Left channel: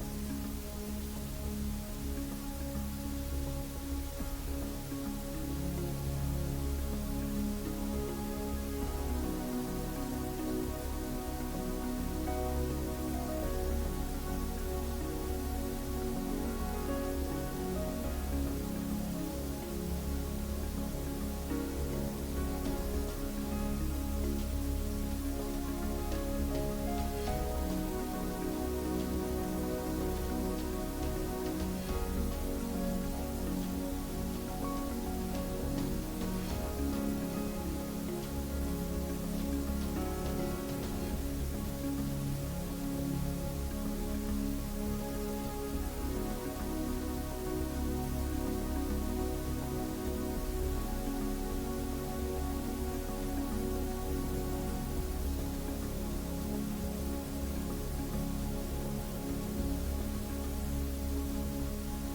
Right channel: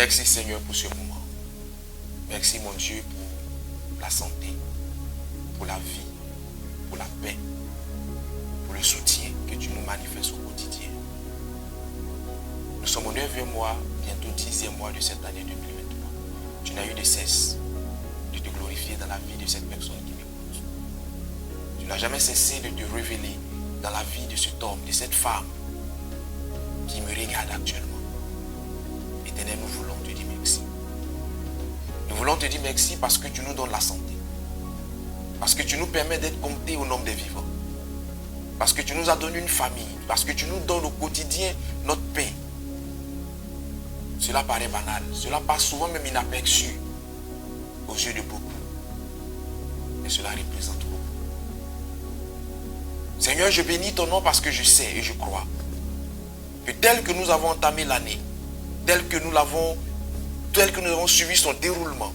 Merci Seigneur pour ce moment. Merci mon Dieu pour la santé, pour la vie, pour la paix, pour le soutien que tu nous manifestes au quotidien. Nous sommes au 9e mois, bientôt 10e mois de cette année 2023. Tu n'as eu de cesse de te glorifier dans la vie de cette personne qui m'écoute. Tu n'as jamais cessé de te révéler dans la vie de cet homme, de cette femme qui me regarde actuellement. Éternel, nous voulons te dire merci. Nous voulons te dire merci parce que tu nous donnes la santé. Parce que tu nous permets d'être comptés au nombre des vivants. Parce que tu nous as donné une famille. Parce que tu nous donnes au quotidien notre paix. Cela paraît banal. Cela passe souvent même inaperçu aux yeux de beaucoup. Mais cela représente beaucoup. Seigneur, je bénis ton nom parce que je sais et je crois que tel que nous avons entamé l'année, tel que nous avons suivi son déroulement,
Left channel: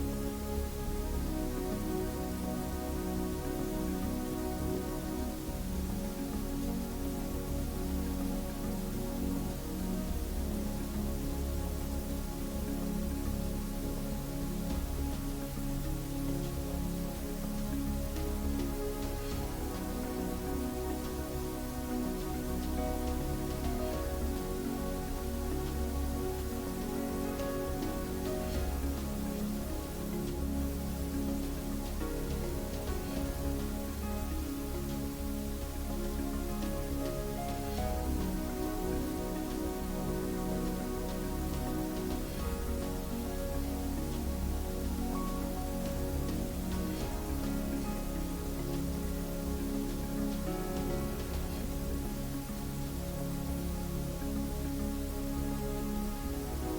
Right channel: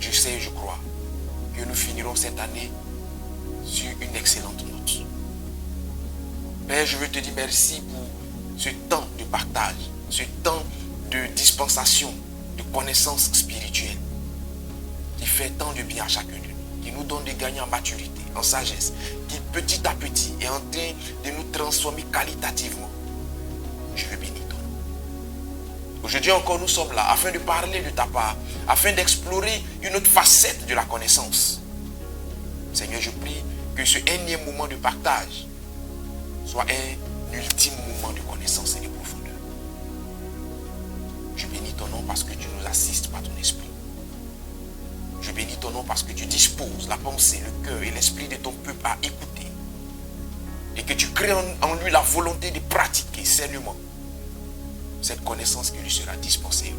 je sais et je crois que nous finirons cette année sur une excellente note. Père, je veux te dire merci pour ce temps de partage, ce temps de dispensation, de connaissance spirituelle qui fait tant de bien à chacun de nous, qui nous donne de gagner en maturité, en sagesse, qui petit à petit est en train de nous transformer qualitativement. Je veux bénir ton nom. Aujourd'hui encore, nous sommes là afin de parler de ta part, afin d'explorer une autre facette de la connaissance. Seigneur, je prie que ce énième moment de partage soit un ultime moment de connaissance et de profondeur. Je bénis ton nom parce que tu nous assistes par ton esprit. Je bénis ton nom parce que tu disposes la pensée, le cœur et l'esprit de ton peuple à écouter. Et que tu crées en lui la volonté de pratiquer sainement cette connaissance qui lui sera dispensée.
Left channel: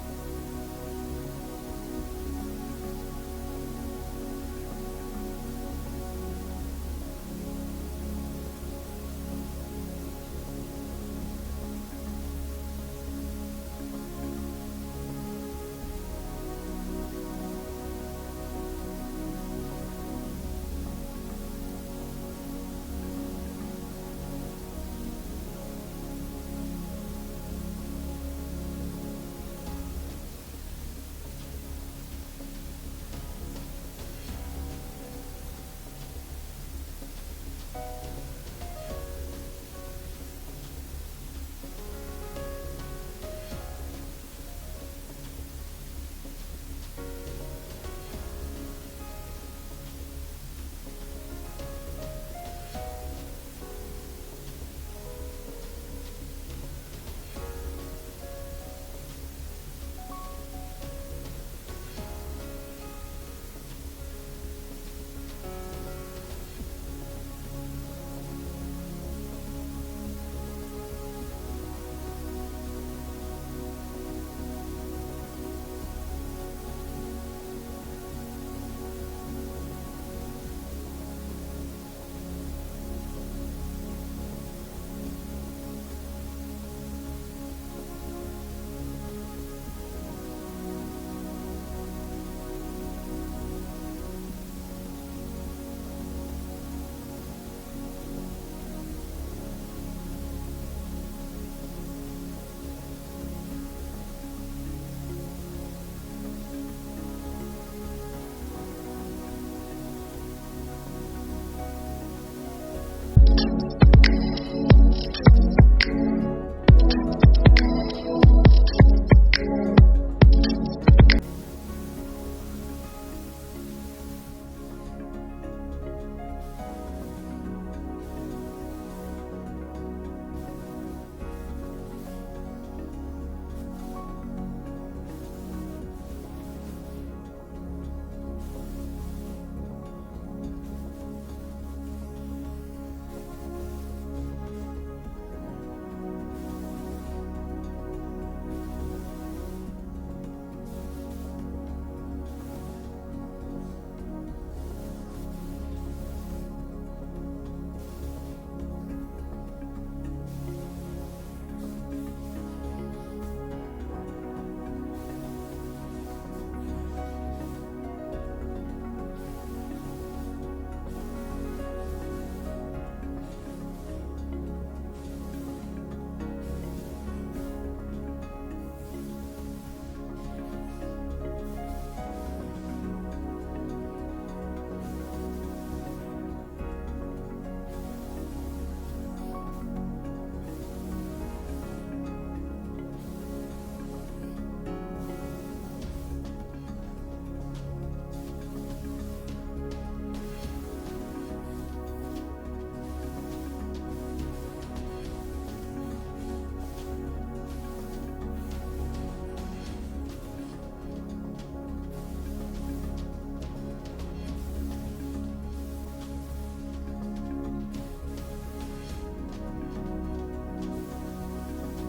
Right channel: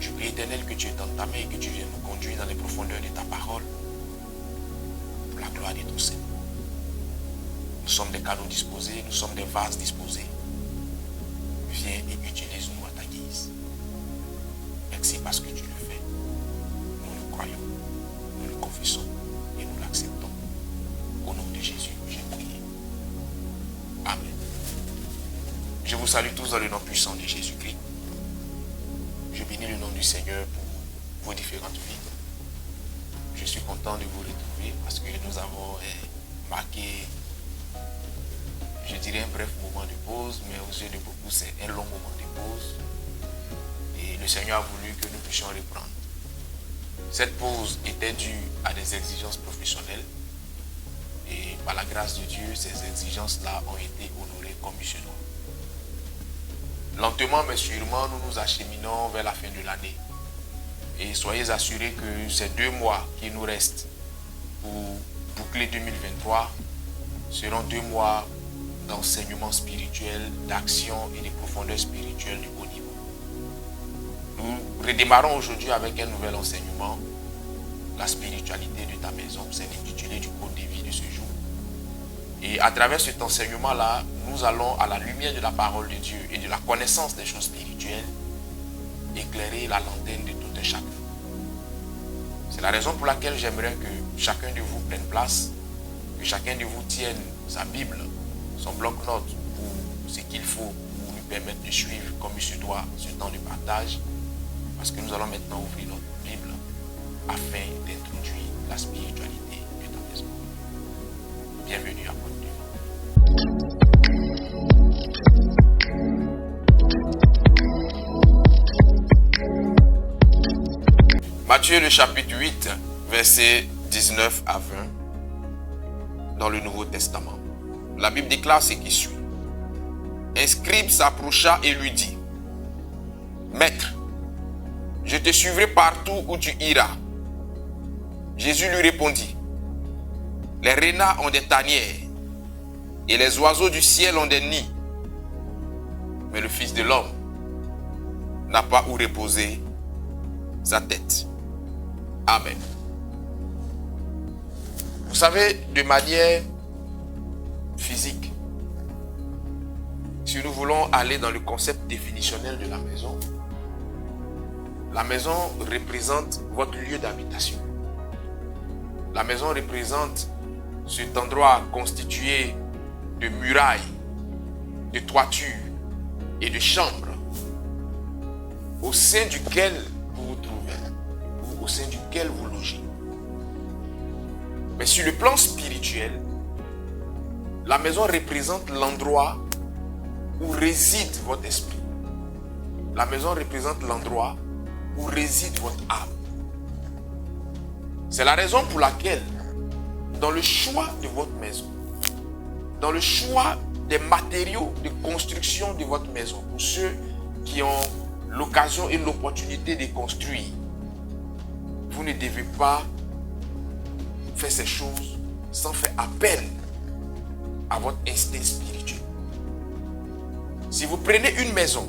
Je prie, Éternel, que tu es dans ta main et que tu viennes nous conduire dans les profondeurs de ta parole. Pour la gloire de ton Seigneur. Nous sommes des canaux disposés, nous sommes des vases disposés. Viens et utilise-nous à ta guise. Merci parce que tu le fais. Nous le croyons, nous le confessons et nous l'acceptons. Au nom de Jésus, j'ai prié. Amen. Je vous salue tous dans le nom puissant de Jésus-Christ. Je bénis le nom du Seigneur pour vos différentes vies. Je suis content de vous retrouver parce que nous avons marqué, je dirais, un bref moment de pause, mais aux yeux de beaucoup, c'est un long moment de pause. Et le Seigneur a voulu que nous puissions reprendre. Cette pause était due à des exigences professionnelles. Et par la grâce de Dieu, ces exigences-là ont été honorées comme missionnaires. Lentement mais sûrement, nous nous acheminons vers la fin de l'année. Et soyez assurés que ces 2 mois qui nous restent pour boucler 2023 seront 2 mois d'enseignement spirituel, d'action et de profondeur spirituelle du haut niveau. Nous redémarrons aujourd'hui avec un nouvel enseignement, la spiritualité de ta maison. C'est l'intitulé du cours de vie de ce jour. Et à travers cet enseignement-là, nous allons à la lumière de la parole de Dieu et de la connaissance des choses spirituelles éclairer la lanterne de tout un chacun. C'est la raison pour laquelle j'aimerais que chacun de vous prenne place, que chacun de vous tienne sa Bible, son bloc-notes ou ce qu'il faut pour nous permettre de suivre comme il se doit ce temps de partage, parce que nous allons maintenant ouvrir notre Bible afin d'introduire la spiritualité de ta maison. Bienvenue à vous. Matthieu le chapitre 8, versets 19 à 20 dans le Nouveau Testament. La Bible déclare ce qui suit. Un scribe s'approcha et lui dit: Maître, je te suivrai partout où tu iras. Jésus lui répondit: Les renards ont des tanières et les oiseaux du ciel ont des nids. Mais le Fils de l'homme n'a pas où reposer sa tête. Amen. Vous savez, de manière physique, si nous voulons aller dans le concept définitionnel de la maison représente votre lieu d'habitation. La maison représente cet endroit constitué de murailles, de toitures et de chambres au sein duquel vous vous trouvez, au sein duquel vous logez. Mais sur le plan spirituel, la maison représente l'endroit où réside votre esprit. La maison représente l'endroit où réside votre âme. C'est la raison pour laquelle, dans le choix de votre maison, dans le choix des matériaux de construction de votre maison, pour ceux qui ont l'occasion et l'opportunité de construire, vous ne devez pas faire ces choses sans faire appel à votre instinct spirituel. Si vous prenez une maison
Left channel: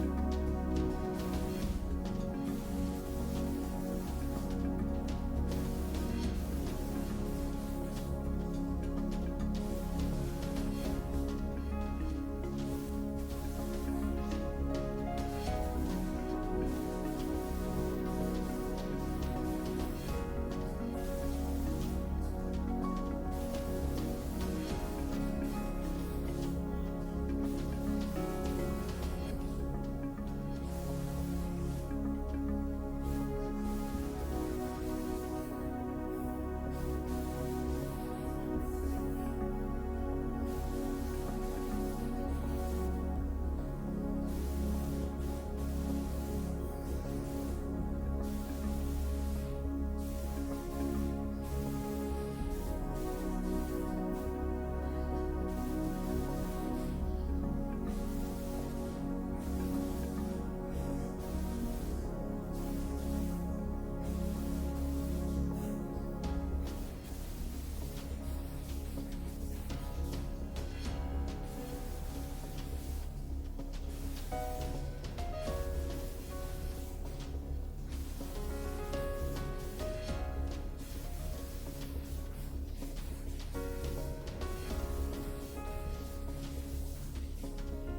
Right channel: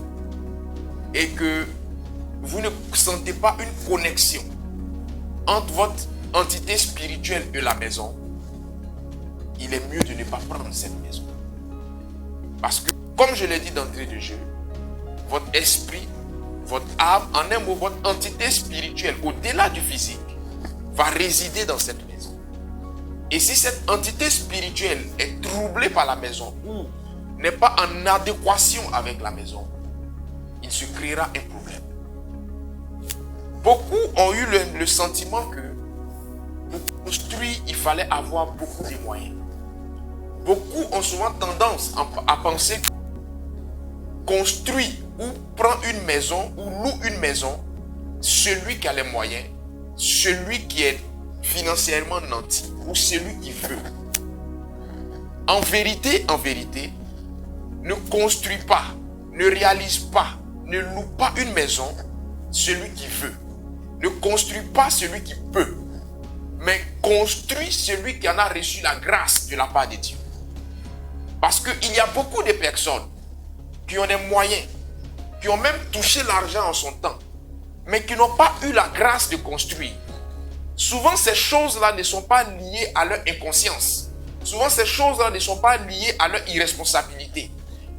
et que vous ne sentez pas une connexion entre votre entité spirituelle et la maison, il est mieux de ne pas prendre cette maison. Parce que, comme je l'ai dit d'entrée de jeu, votre esprit, votre âme, en un mot, votre entité spirituelle, au-delà du physique, va résider dans cette maison. Et si cette entité spirituelle est troublée par la maison ou n'est pas en adéquation avec la maison, il se créera un problème. Beaucoup ont eu le sentiment que pour construire, il fallait avoir beaucoup de moyens. Beaucoup ont souvent tendance à penser que construire ou prendre une maison ou loue une maison, celui qui a les moyens, celui qui est financièrement nanti ou celui qui veut. En vérité, ne construis pas, ne réalise pas, ne loue pas une maison, celui qui veut. Ne construis pas celui qui peut, mais construis celui qui en a reçu la grâce de la part de Dieu. Parce qu'il y a beaucoup de personnes qui ont des moyens, qui ont même touché l'argent en son temps, mais qui n'ont pas eu la grâce de construire. Souvent, ces choses-là ne sont pas liées à leur inconscience. Souvent, ces choses-là ne sont pas liées à leur irresponsabilité.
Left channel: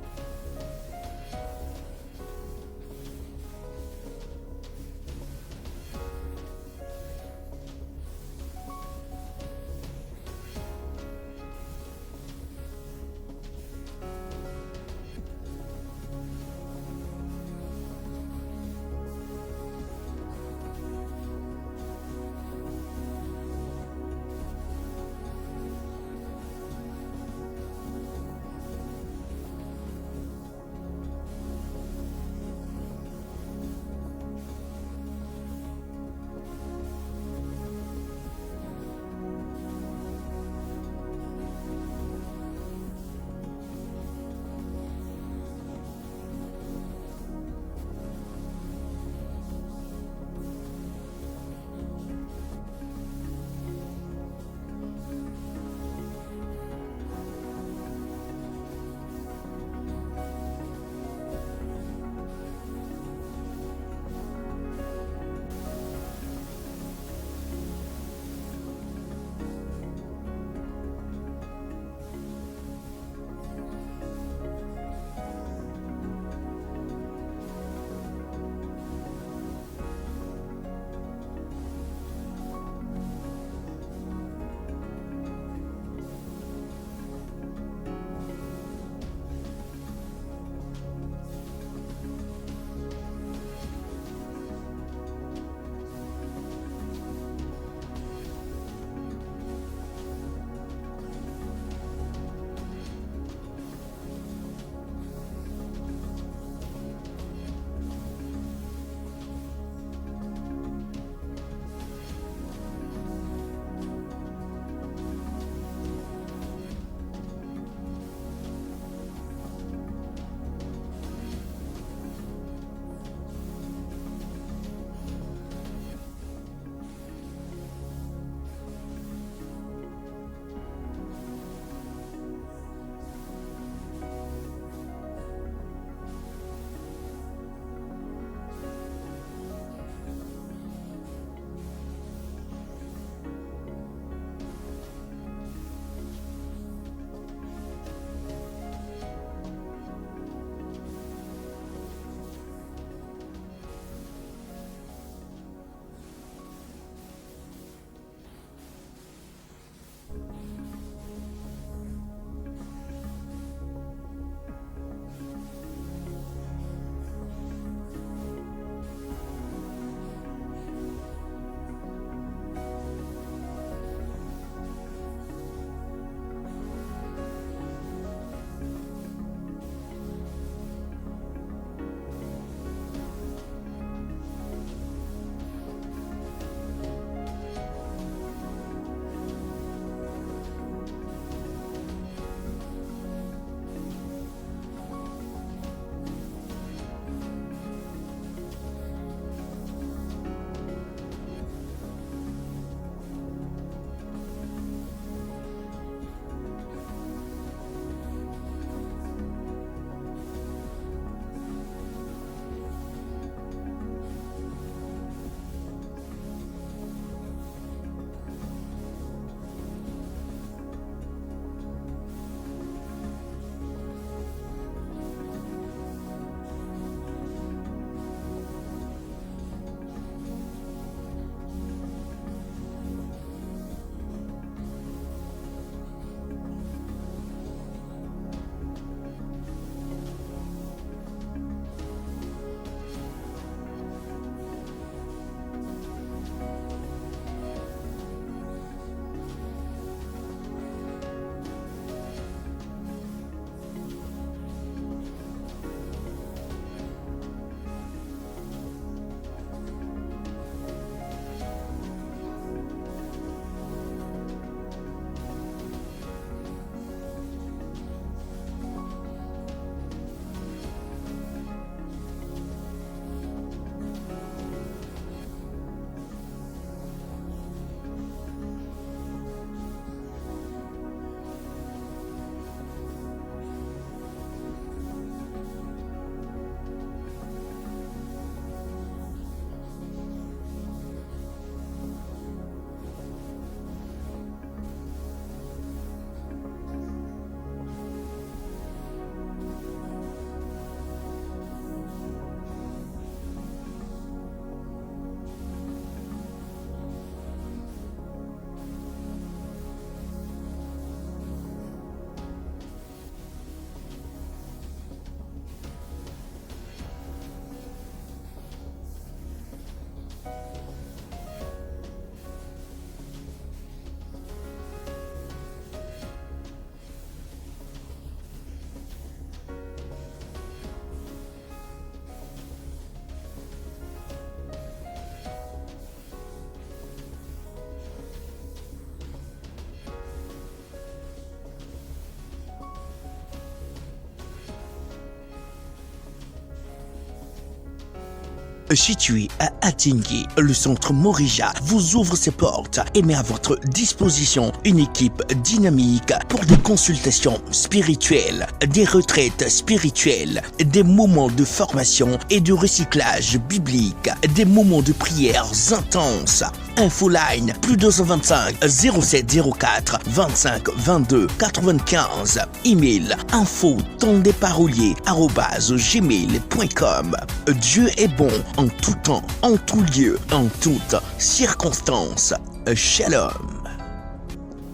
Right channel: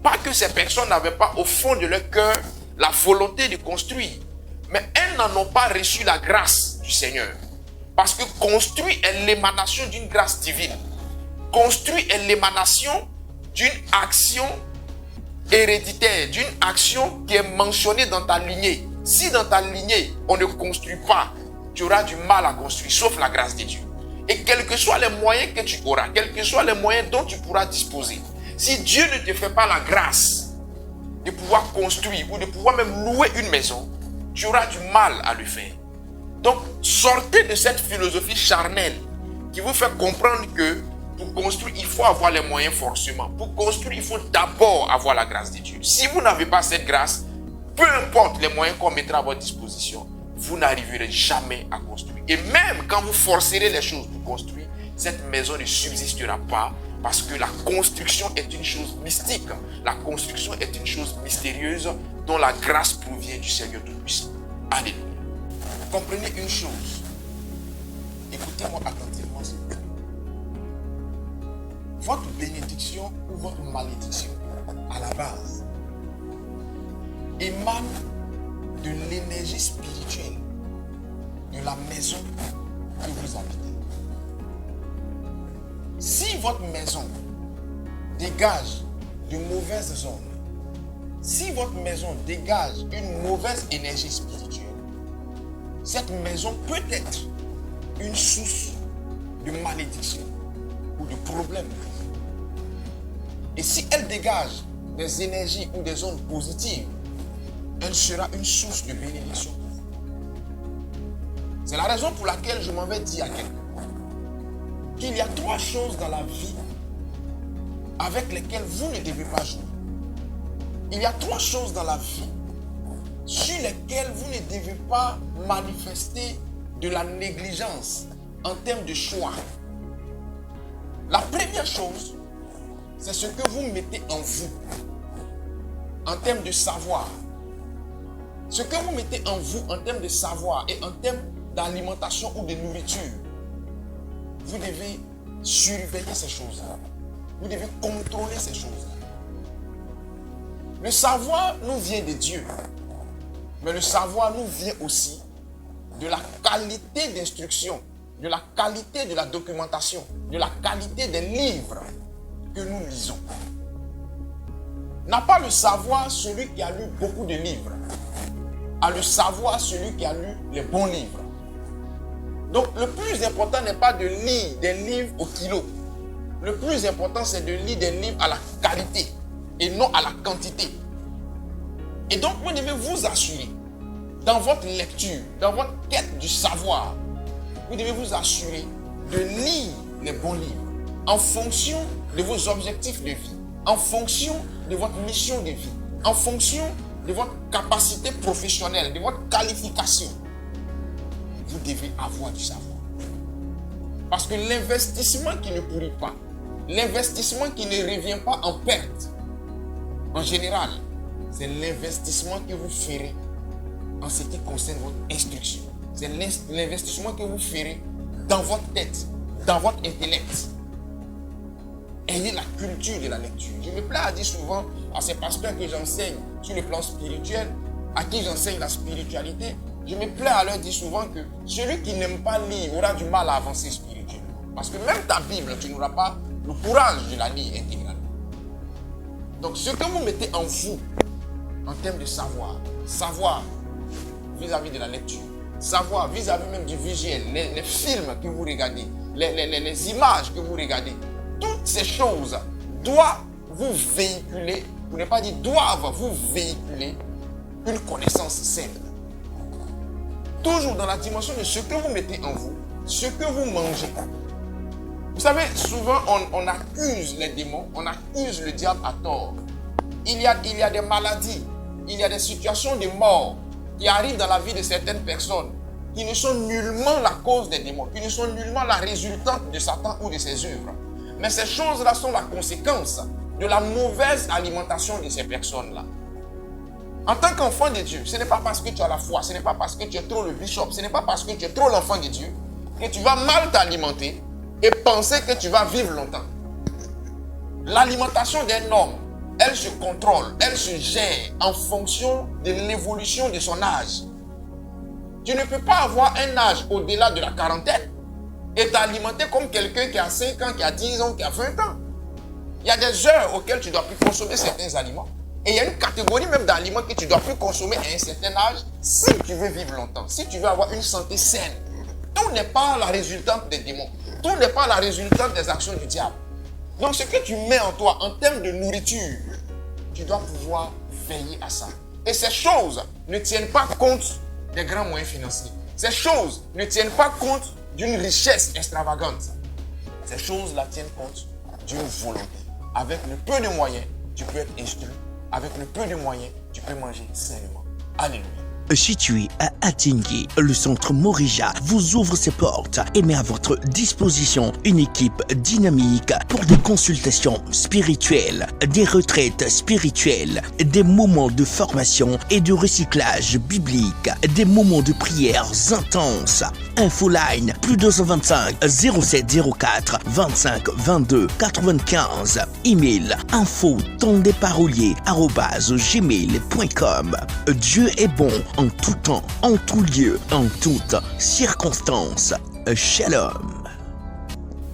Pas que ces personnes n'avaient pas au fond de leur cœur la volonté de construire, mais elles n'en ont pas reçu la grâce du Seigneur. Parce que construire est l'émanation d'une grâce divine. Construire est l'émanation d'une action héréditaire, d'une action qui est mentionnée dans ta lignée. Si dans ta lignée, on ne construit pas, tu auras du mal à construire, sauf la grâce de Dieu. Et quels que soient les moyens que tu auras, quels que soient les moyens dont tu pourras disposer, si Dieu ne te fait pas la grâce de pouvoir construire ou de pouvoir même louer une maison, tu auras du mal à le faire. Donc, sortez de cette philosophie charnelle qui vous fait comprendre que pour construire, il faut avoir les moyens forcément. Pour construire, il faut d'abord avoir la grâce de Dieu. Si vous n'avez pas cette grâce, peu importe les moyens qu'on mettra à votre disposition, vous n'arriverez jamais à construire. Et même quand vous forcerez les choses pour construire, cette maison ne subsistera pas parce que la construction est une chose mystique. La construction est une chose mystérieuse dont la grâce provient du Seigneur Tout-Puissant. Alléluia. Comprenez une chose. Écoutez-moi attentivement. Votre bénédiction ou votre malédiction, à la base, émane de l'énergie spirituelle de la maison que vous habitez. Si votre maison dégage de mauvaises ondes, si votre maison dégage une mauvaise énergie spirituelle, cette maison peut être une source de malédiction ou de problème. Et si elle dégage des énergies ou des ondes positives, elle sera une source de bénédiction. C'est la raison pour laquelle je m'en vais dire à quelqu'un qu'il y a 3 choses dans la vie avec lesquelles vous ne devez pas jouer. Il y a 3 choses dans la vie sur lesquelles vous ne devez pas manifester de la négligence en termes de choix. La première chose, c'est ce que vous mettez en vous en termes de savoir. Ce que vous mettez en vous en termes de savoir et en termes d'alimentation ou de nourriture, vous devez surveiller ces choses-là. Vous devez contrôler ces choses-là. Le savoir nous vient de Dieu, mais le savoir nous vient aussi de la qualité d'instruction, de la qualité de la documentation, de la qualité des livres que nous lisons. N'a pas le savoir celui qui a lu beaucoup de livres. a le savoir celui qui a lu les bons livres. Donc le plus important n'est pas de lire des livres au kilo. Le plus important, c'est de lire des livres à la qualité et non à la quantité. Et donc, vous devez vous assurer, dans votre lecture, dans votre quête du savoir, vous devez vous assurer de lire les bons livres en fonction de vos objectifs de vie, en fonction de votre mission de vie, en fonction de votre capacité professionnelle, de votre qualification. Vous devez avoir du savoir. Parce que l'investissement qui ne pourrit pas, l'investissement qui ne revient pas en perte, en général, c'est l'investissement que vous ferez en ce qui concerne votre instruction. C'est l'investissement que vous ferez dans votre tête, dans votre intellect. Ayez la culture de la lecture. Je me plais à dire souvent à ces pasteurs que j'enseigne sur le plan spirituel, à qui j'enseigne la spiritualité, je me plais à leur dire souvent que celui qui n'aime pas lire aura du mal à avancer spirituellement. Parce que même ta Bible, tu n'auras pas le courage de la lire intégralement. Donc ce que vous mettez en vous, en termes de savoir, savoir vis-à-vis de la lecture, savoir vis-à-vis même du visuel, les films que vous regardez, les images que vous regardez, toutes ces choses doivent vous véhiculer, pour ne pas dire doivent vous véhiculer une connaissance saine. Toujours dans la dimension de ce que vous mettez en vous, ce que vous mangez. Vous savez, souvent on accuse les démons, on accuse le diable à tort. Il y a des maladies, il y a des situations de mort qui arrivent dans la vie de certaines personnes qui ne sont nullement la cause des démons, qui ne sont nullement la résultante de Satan ou de ses œuvres. Mais ces choses-là sont la conséquence de la mauvaise alimentation de ces personnes-là. En tant qu'enfant de Dieu, ce n'est pas parce que tu as la foi, ce n'est pas parce que tu es trop le bishop, ce n'est pas parce que tu es trop l'enfant de Dieu que tu vas mal t'alimenter et penser que tu vas vivre longtemps. L'alimentation d'un homme, elle se contrôle, elle se gère en fonction de l'évolution de son âge. Tu ne peux pas avoir un âge au-delà de la quarantaine et t'alimenter comme quelqu'un qui a 5 ans, qui a 10 ans, qui a 20 ans. Il y a des heures auxquelles tu dois plus consommer certains aliments. Et il y a une catégorie même d'aliments que tu dois plus consommer à un certain âge si tu veux vivre longtemps, si tu veux avoir une santé saine. Tout n'est pas la résultante des démons. Tout n'est pas la résultante des actions du diable. Donc ce que tu mets en toi en termes de nourriture, tu dois pouvoir veiller à ça. Et ces choses ne tiennent pas compte des grands moyens financiers. Ces choses ne tiennent pas compte d'une richesse extravagante. Ces choses-là tiennent compte d'une volonté. Avec le peu de moyens, tu peux être instruit. Avec le peu de moyens, tu peux manger sainement. Alléluia. Situé à Atingui, le centre Morija vous ouvre ses portes et met à votre disposition une équipe dynamique pour des consultations spirituelles, des retraites spirituelles, des moments de formation et de recyclage biblique, des moments de prières intenses. Infoline plus 225 0704 25 22 95. Email info-tondesparoliers@gmail.com. Dieu est bon en tout temps, en tout lieu, en toutes circonstances. Shalom.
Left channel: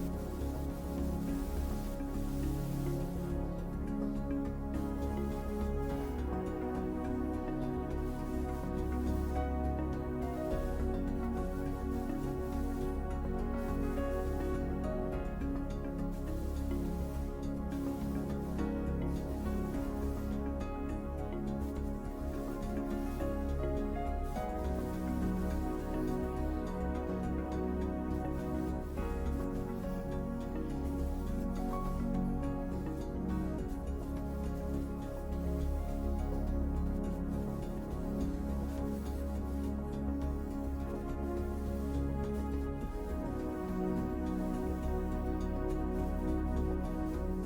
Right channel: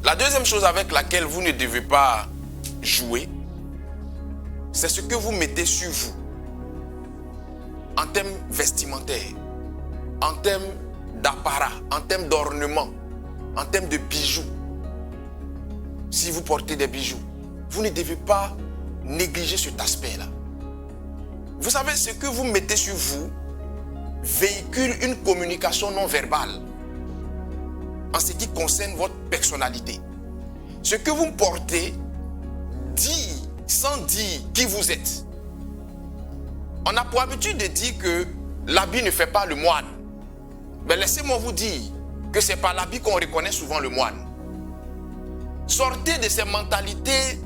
La deuxième chose avec laquelle vous ne devez pas jouer, c'est ce que vous mettez sur vous en termes vestimentaires, en termes d'apparat, en termes d'ornement, en termes de bijoux. Si vous portez des bijoux, vous ne devez pas négliger cet aspect-là. Vous savez, ce que vous mettez sur vous véhicule une communication non verbale en ce qui concerne votre personnalité. Ce que vous portez dit sans dire qui vous êtes. On a pour habitude de dire que l'habit ne fait pas le moine. Mais laissez-moi vous dire que c'est par l'habit qu'on reconnaît souvent le moine. Sortez de ces mentalités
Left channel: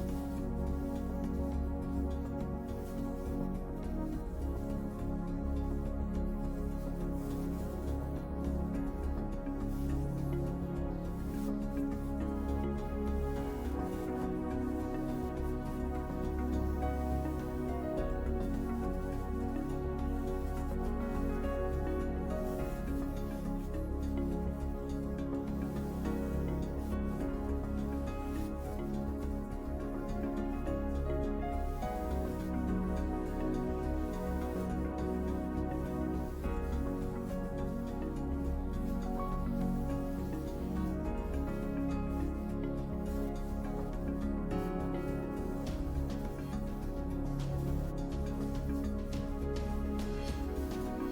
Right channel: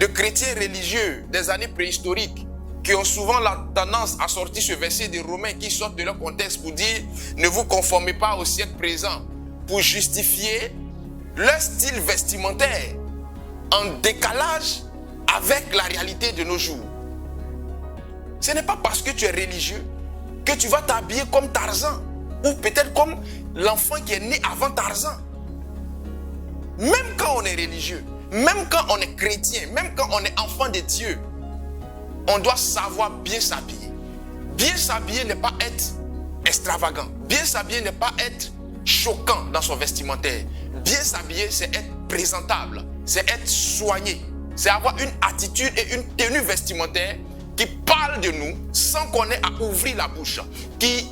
de chrétiens religieux des années préhistoriques qui ont souvent la tendance à sortir ce verset des Romains qui sortent de leur contexte pour dire « Ne vous conformez pas au siècle présent » pour justifier leur style vestimentaire en décalage avec la réalité de nos jours. Ce n'est pas parce que tu es religieux que tu vas t'habiller comme Tarzan ou peut-être comme l'enfant qui est né avant Tarzan. Même quand on est religieux, même quand on est chrétien, même quand on est enfant de Dieu, on doit savoir bien s'habiller. Bien s'habiller n'est pas être extravagant. Bien s'habiller n'est pas être choquant dans son vestimentaire. Bien s'habiller, c'est être présentable, c'est être soigné, c'est avoir une attitude et une tenue vestimentaire qui parle de nous sans qu'on ait à ouvrir la bouche, qui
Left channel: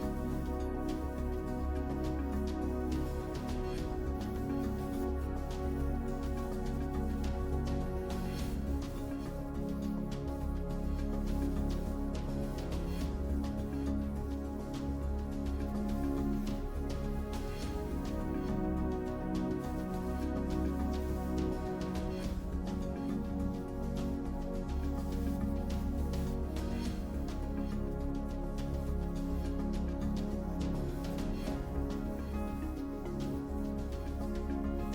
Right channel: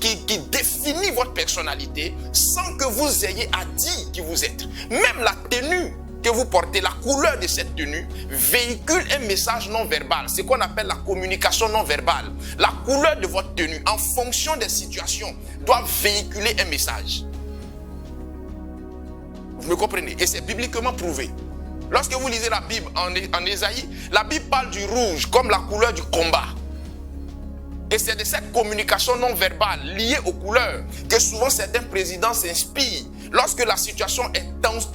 définit votre personnalité sans que vous ayez à dire qui vous êtes. Même la tenue que vous portez, la couleur de cette tenue véhicule un message non verbal, c'est ce qu'on appelle la communication non verbale. La couleur de votre tenue, en fonction des situations, doit véhiculer un message. Vous me comprenez? Et c'est bibliquement prouvé. Lorsque vous lisez la Bible en Ésaïe, la Bible parle du rouge comme la couleur du combat. Et c'est de cette communication non verbale liée aux couleurs que souvent certains présidents s'inspirent. Lorsque la situation est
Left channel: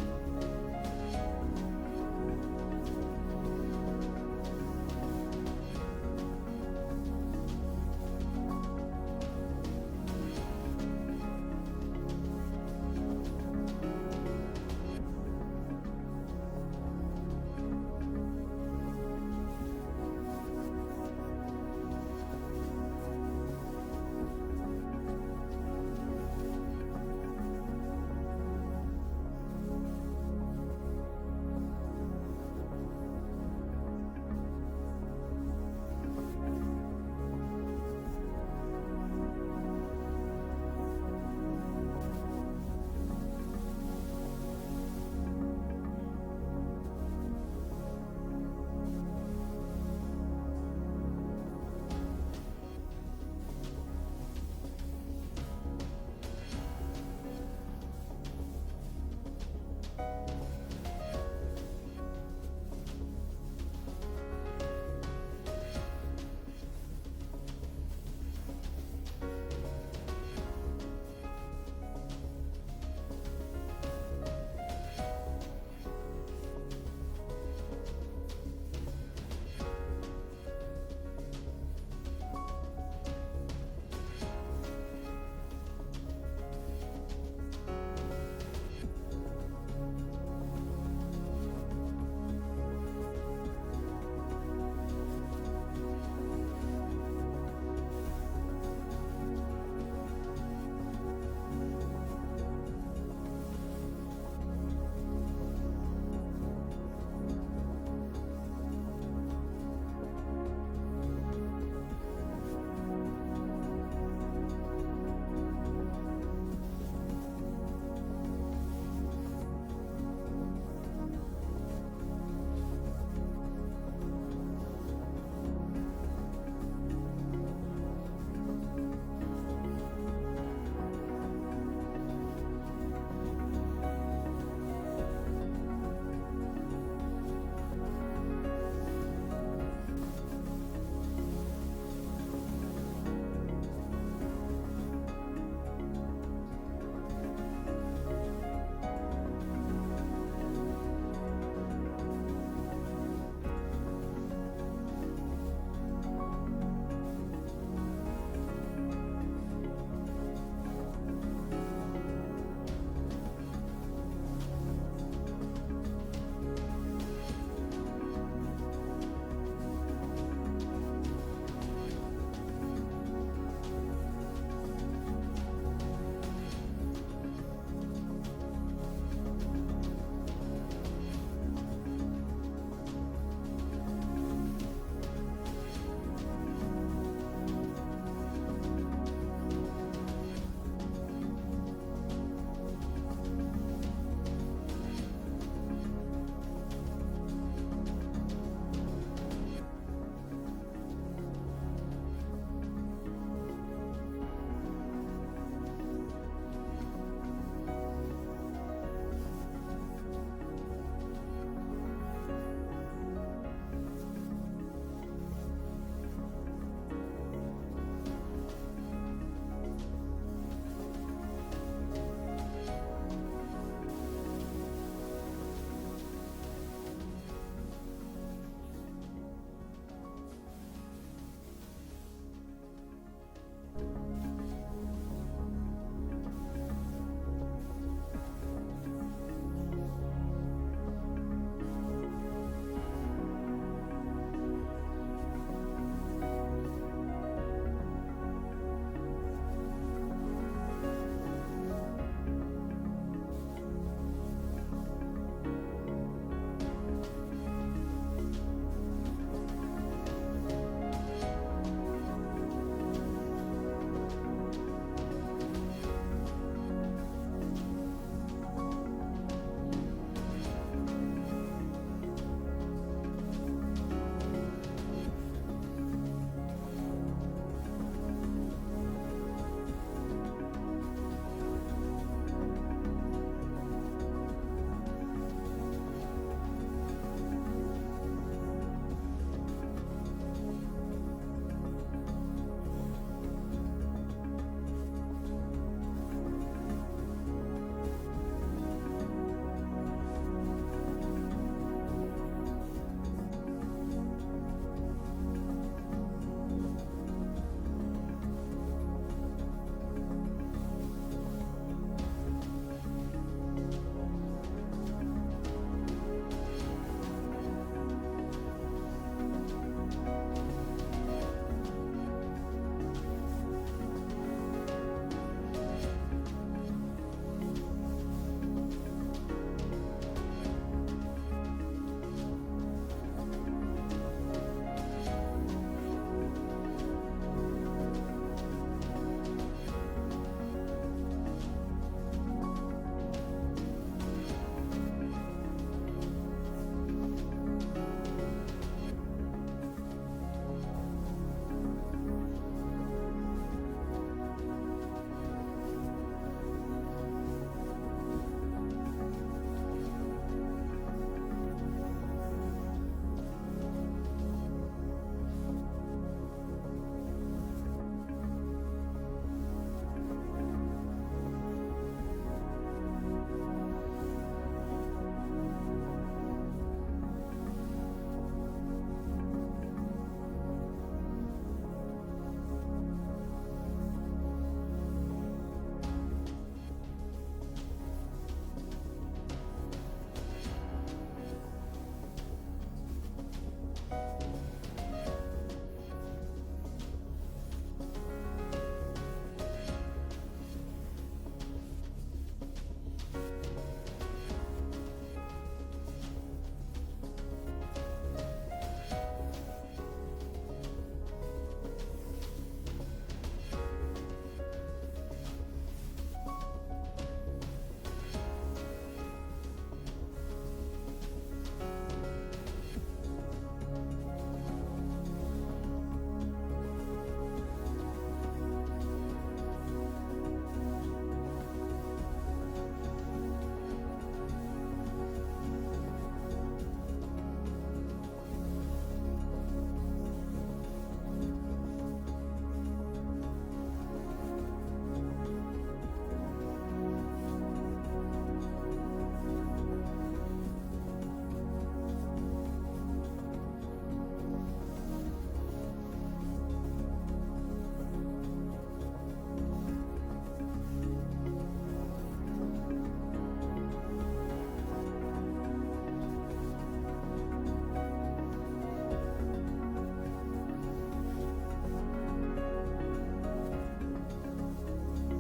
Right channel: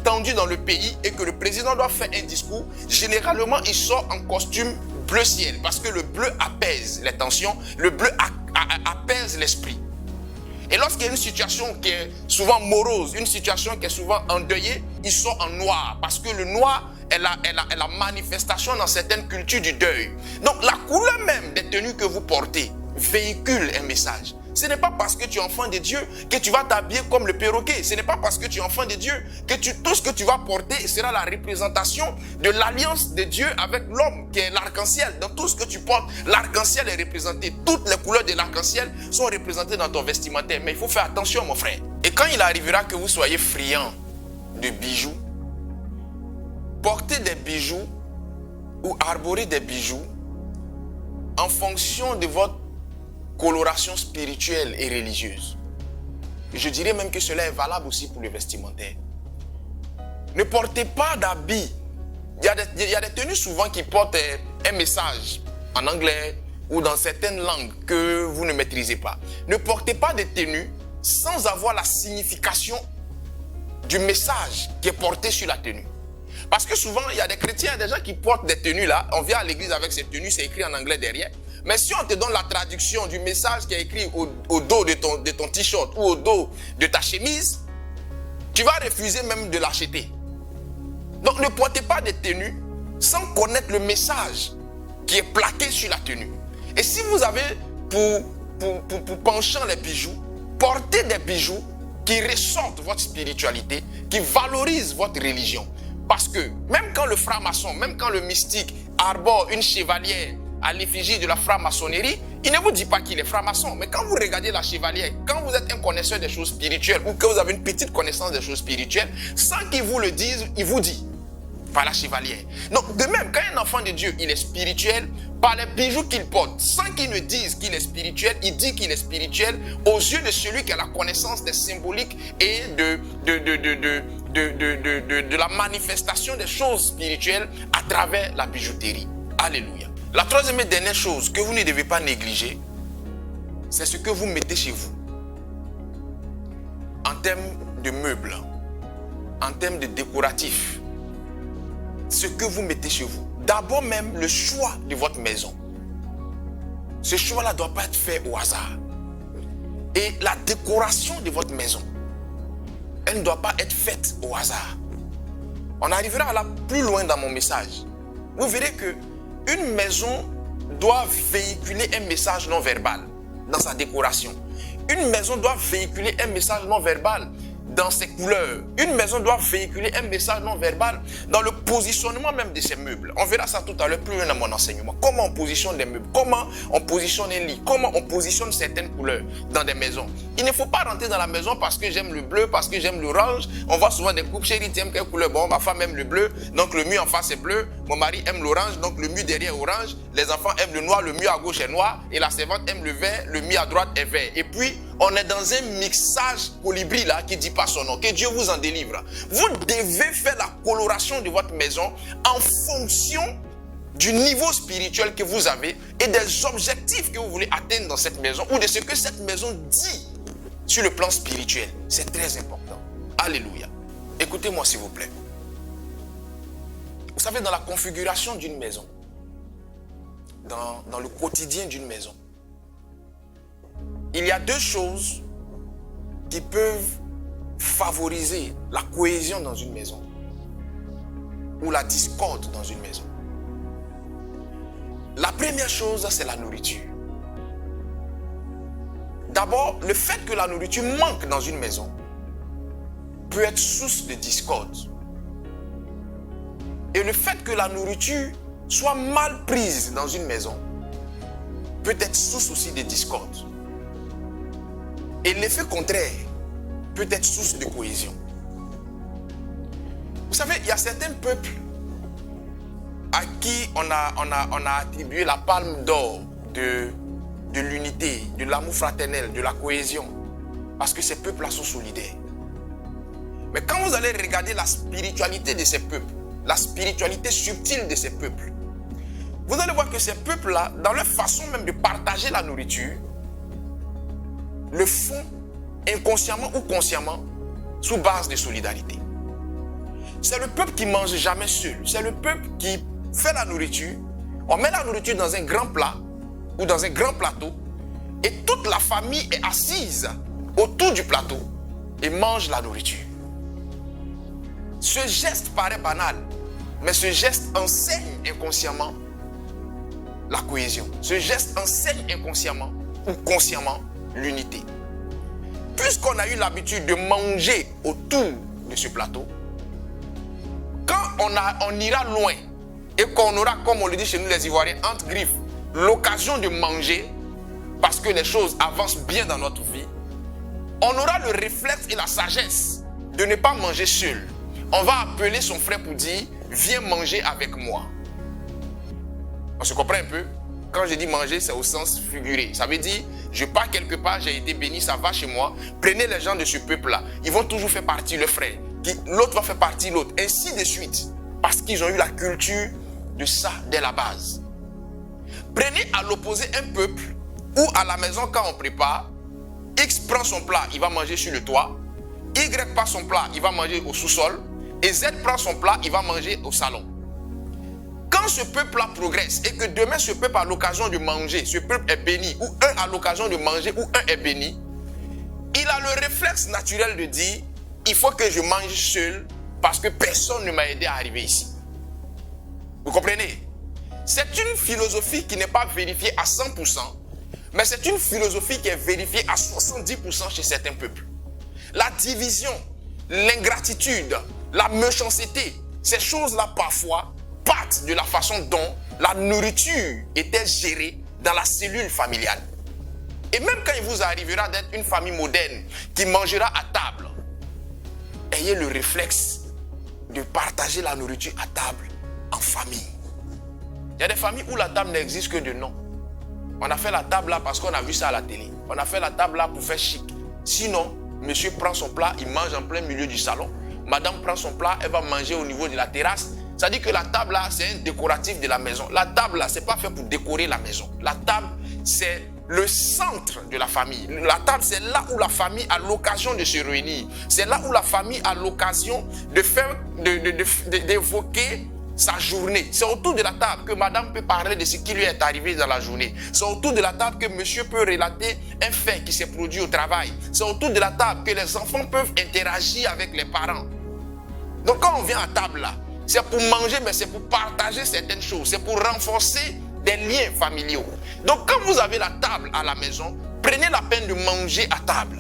tendue dans le pays et que le président doit faire un discours, généralement il sort en costume bleu ciel parce que le bleu apaise les tensions, le bleu apaise l'esprit. Et lorsqu'il y a une situation qui est souvent morose, une situation qui est souvent endeuillée, il sort en noir parce que le noir est la manifestation dans certaines cultures du deuil. Donc la couleur même des tenues que vous portez véhicule un message. Ce n'est pas parce que tu es enfant de Dieu que tu vas t'habiller comme le perroquet. Ce n'est pas parce que tu es enfant de Dieu que tout ce que tu vas porter sera la représentation de l'alliance de Dieu avec l'homme qui est l'arc-en-ciel. Dans tout ce que tu portes, l'arc-en-ciel est représenté. Toutes les couleurs de l'arc-en-ciel sont représentées dans ton vestimentaire. Mais il faut faire attention, mon frère. Et quand il arrivera que vous soyez friand de bijoux, portez des bijoux ou arborer des bijoux en fonction de votre coloration spirituelle et religieuse. Et je dirais même que cela est valable aussi pour le vestimentaire. Ne portez pas d'habits. Il y a des tenues souvent qui portent un message en anglais ou dans certaines langues que vous ne maîtrisez pas. Ne portez pas de tenues sans avoir la signification du message qui est porté sur la tenue. Parce que souvent, il y a des chrétiens, des gens qui portent des tenues là. On vient à l'église avec ces tenues, c'est écrit en anglais derrière. Mais si on te donne la traduction du message qui est écrit au dos de ton t-shirt ou au dos de ta chemise, tu vas refuser même de l'acheter. Donc ne portez pas de tenue sans connaître le message qui est plaqué sur la tenue. Et si vous avez pour penchant les bijoux, portez des bijoux qui ressortent votre spiritualité, qui valorisent votre religion. Parce que même quand le franc-maçon, même quand le mystique arbore une chevalière à l'effigie de la franc-maçonnerie, il ne vous dit pas qu'il est franc-maçon. Mais quand vous regardez la chevalière, quand vous êtes un connaisseur des choses spirituelles ou que vous avez une petite connaissance des choses spirituelles, sans qu'il vous le dise, il vous dit, par la chevalière. Donc de même, quand un enfant de Dieu, il est spirituel, par les bijoux qu'il porte, sans qu'il ne dise qu'il est spirituel, il dit qu'il est spirituel aux yeux de celui qui a la connaissance des symboliques et de la manifestation des choses spirituelles à travers la bijouterie. Alléluia. La troisième et dernière chose que vous ne devez pas négliger, c'est ce que vous mettez chez vous. En termes de meubles, en termes de décoratifs, ce que vous mettez chez vous. D'abord même le choix de votre maison. Ce choix-là ne doit pas être fait au hasard. Et la décoration de votre maison, elle ne doit pas être faite au hasard. On arrivera là plus loin dans mon message. Vous verrez que une maison doit véhiculer un message non verbal dans sa décoration. Une maison doit véhiculer un message non verbal dans ses couleurs. Une maison doit véhiculer un message non verbal dans le positionnement même de ses meubles. On verra ça tout à l'heure plus loin dans mon enseignement. Comment on positionne les meubles, comment on positionne un lit, comment on positionne certaines couleurs dans des maisons. Il ne faut pas rentrer dans la maison parce que j'aime le bleu, parce que j'aime l'orange. On voit souvent des couples, chérie, tu aimes quelle couleur? Bon, ma femme aime le bleu, donc le mur en face est bleu. Mon mari aime l'orange, donc le mur derrière est orange. Les enfants aiment le noir, le mur à gauche est noir. Et la servante aime le vert, le mur à droite est vert. Et puis, on est dans un mixage colibri là qui ne dit pas son nom. Que Dieu vous en délivre. Vous devez faire la coloration de votre maison en fonction du niveau spirituel que vous avez et des objectifs que vous voulez atteindre dans cette maison ou de ce que cette maison dit sur le plan spirituel. C'est très important. Alléluia. Écoutez-moi s'il vous plaît. Vous savez, dans la configuration d'une maison, dans le quotidien d'une maison, il y a deux choses qui peuvent favoriser la cohésion dans une maison ou la discorde dans une maison. La première chose, c'est la nourriture. D'abord, le fait que la nourriture manque dans une maison peut être source de discorde. Et le fait que la nourriture soit mal prise dans une maison peut être source aussi de discorde. Et l'effet contraire peut être source de cohésion. Vous savez, il y a certains peuples à qui on a attribué la palme d'or de l'unité, de l'amour fraternel, de la cohésion. Parce que ces peuples-là sont solidaires. Mais quand vous allez regarder la spiritualité de ces peuples, la spiritualité subtile de ces peuples, vous allez voir que ces peuples-là, dans leur façon même de partager la nourriture, le font inconsciemment ou consciemment sous base de solidarité. C'est le peuple qui ne mange jamais seul. C'est le peuple qui fait la nourriture. On met la nourriture dans un grand plat ou dans un grand plateau et toute la famille est assise autour du plateau et mange la nourriture. Ce geste paraît banal, mais ce geste enseigne inconsciemment la cohésion. Ce geste enseigne inconsciemment ou consciemment l'unité. Puisqu'on a eu l'habitude de manger autour de ce plateau, quand on ira loin et qu'on aura, comme on le dit chez nous les Ivoiriens, entre griffes, l'occasion de manger, parce que les choses avancent bien dans notre vie, on aura le réflexe et la sagesse de ne pas manger seul. On va appeler son frère pour dire, viens manger avec moi. On se comprend un peu? Quand je dis manger, c'est au sens figuré. Ça veut dire, je pars quelque part, j'ai été béni, ça va chez moi. Prenez les gens de ce peuple-là. Ils vont toujours faire partie le frère. L'autre va faire partie l'autre. Ainsi de suite. Parce qu'ils ont eu la culture de ça dès la base. Prenez à l'opposé un peuple où à la maison, quand on prépare, X prend son plat, il va manger sur le toit. Y prend son plat, il va manger au sous-sol. Et Z prend son plat, il va manger au salon. Quand ce peuple-là progresse et que demain ce peuple a l'occasion de manger, ce peuple est béni, ou un a l'occasion de manger, ou un est béni, il a le réflexe naturel de dire, il faut que je mange seul parce que personne ne m'a aidé à arriver ici. Vous comprenez? C'est une philosophie qui n'est pas vérifiée à 100%, mais c'est une philosophie qui est vérifiée à 70% chez certains peuples. La division, l'ingratitude, la méchanceté, ces choses-là parfois partent de la façon dont la nourriture était gérée dans la cellule familiale. Et même quand il vous arrivera d'être une famille moderne qui mangera à table, ayez le réflexe de partager la nourriture à table en famille. Il y a des familles où la table n'existe que de nom. On a fait la table là parce qu'on a vu ça à la télé. On a fait la table là pour faire chic. Sinon, monsieur prend son plat, il mange en plein milieu du salon. Madame prend son plat, elle va manger au niveau de la terrasse. Ça dit que la table là, c'est un décoratif de la maison. La table là, c'est pas fait pour décorer la maison. La table, c'est le centre de la famille. La table, c'est là où la famille a l'occasion de se réunir. C'est là où la famille a l'occasion de faire, d'évoquer sa journée. C'est autour de la table que madame peut parler de ce qui lui est arrivé dans la journée. C'est autour de la table que monsieur peut relater un fait qui s'est produit au travail. C'est autour de la table que les enfants peuvent interagir avec les parents. Donc quand on vient à table là, c'est pour manger, mais c'est pour partager certaines choses. C'est pour renforcer des liens familiaux. Donc quand vous avez la table à la maison, prenez la peine de manger à table.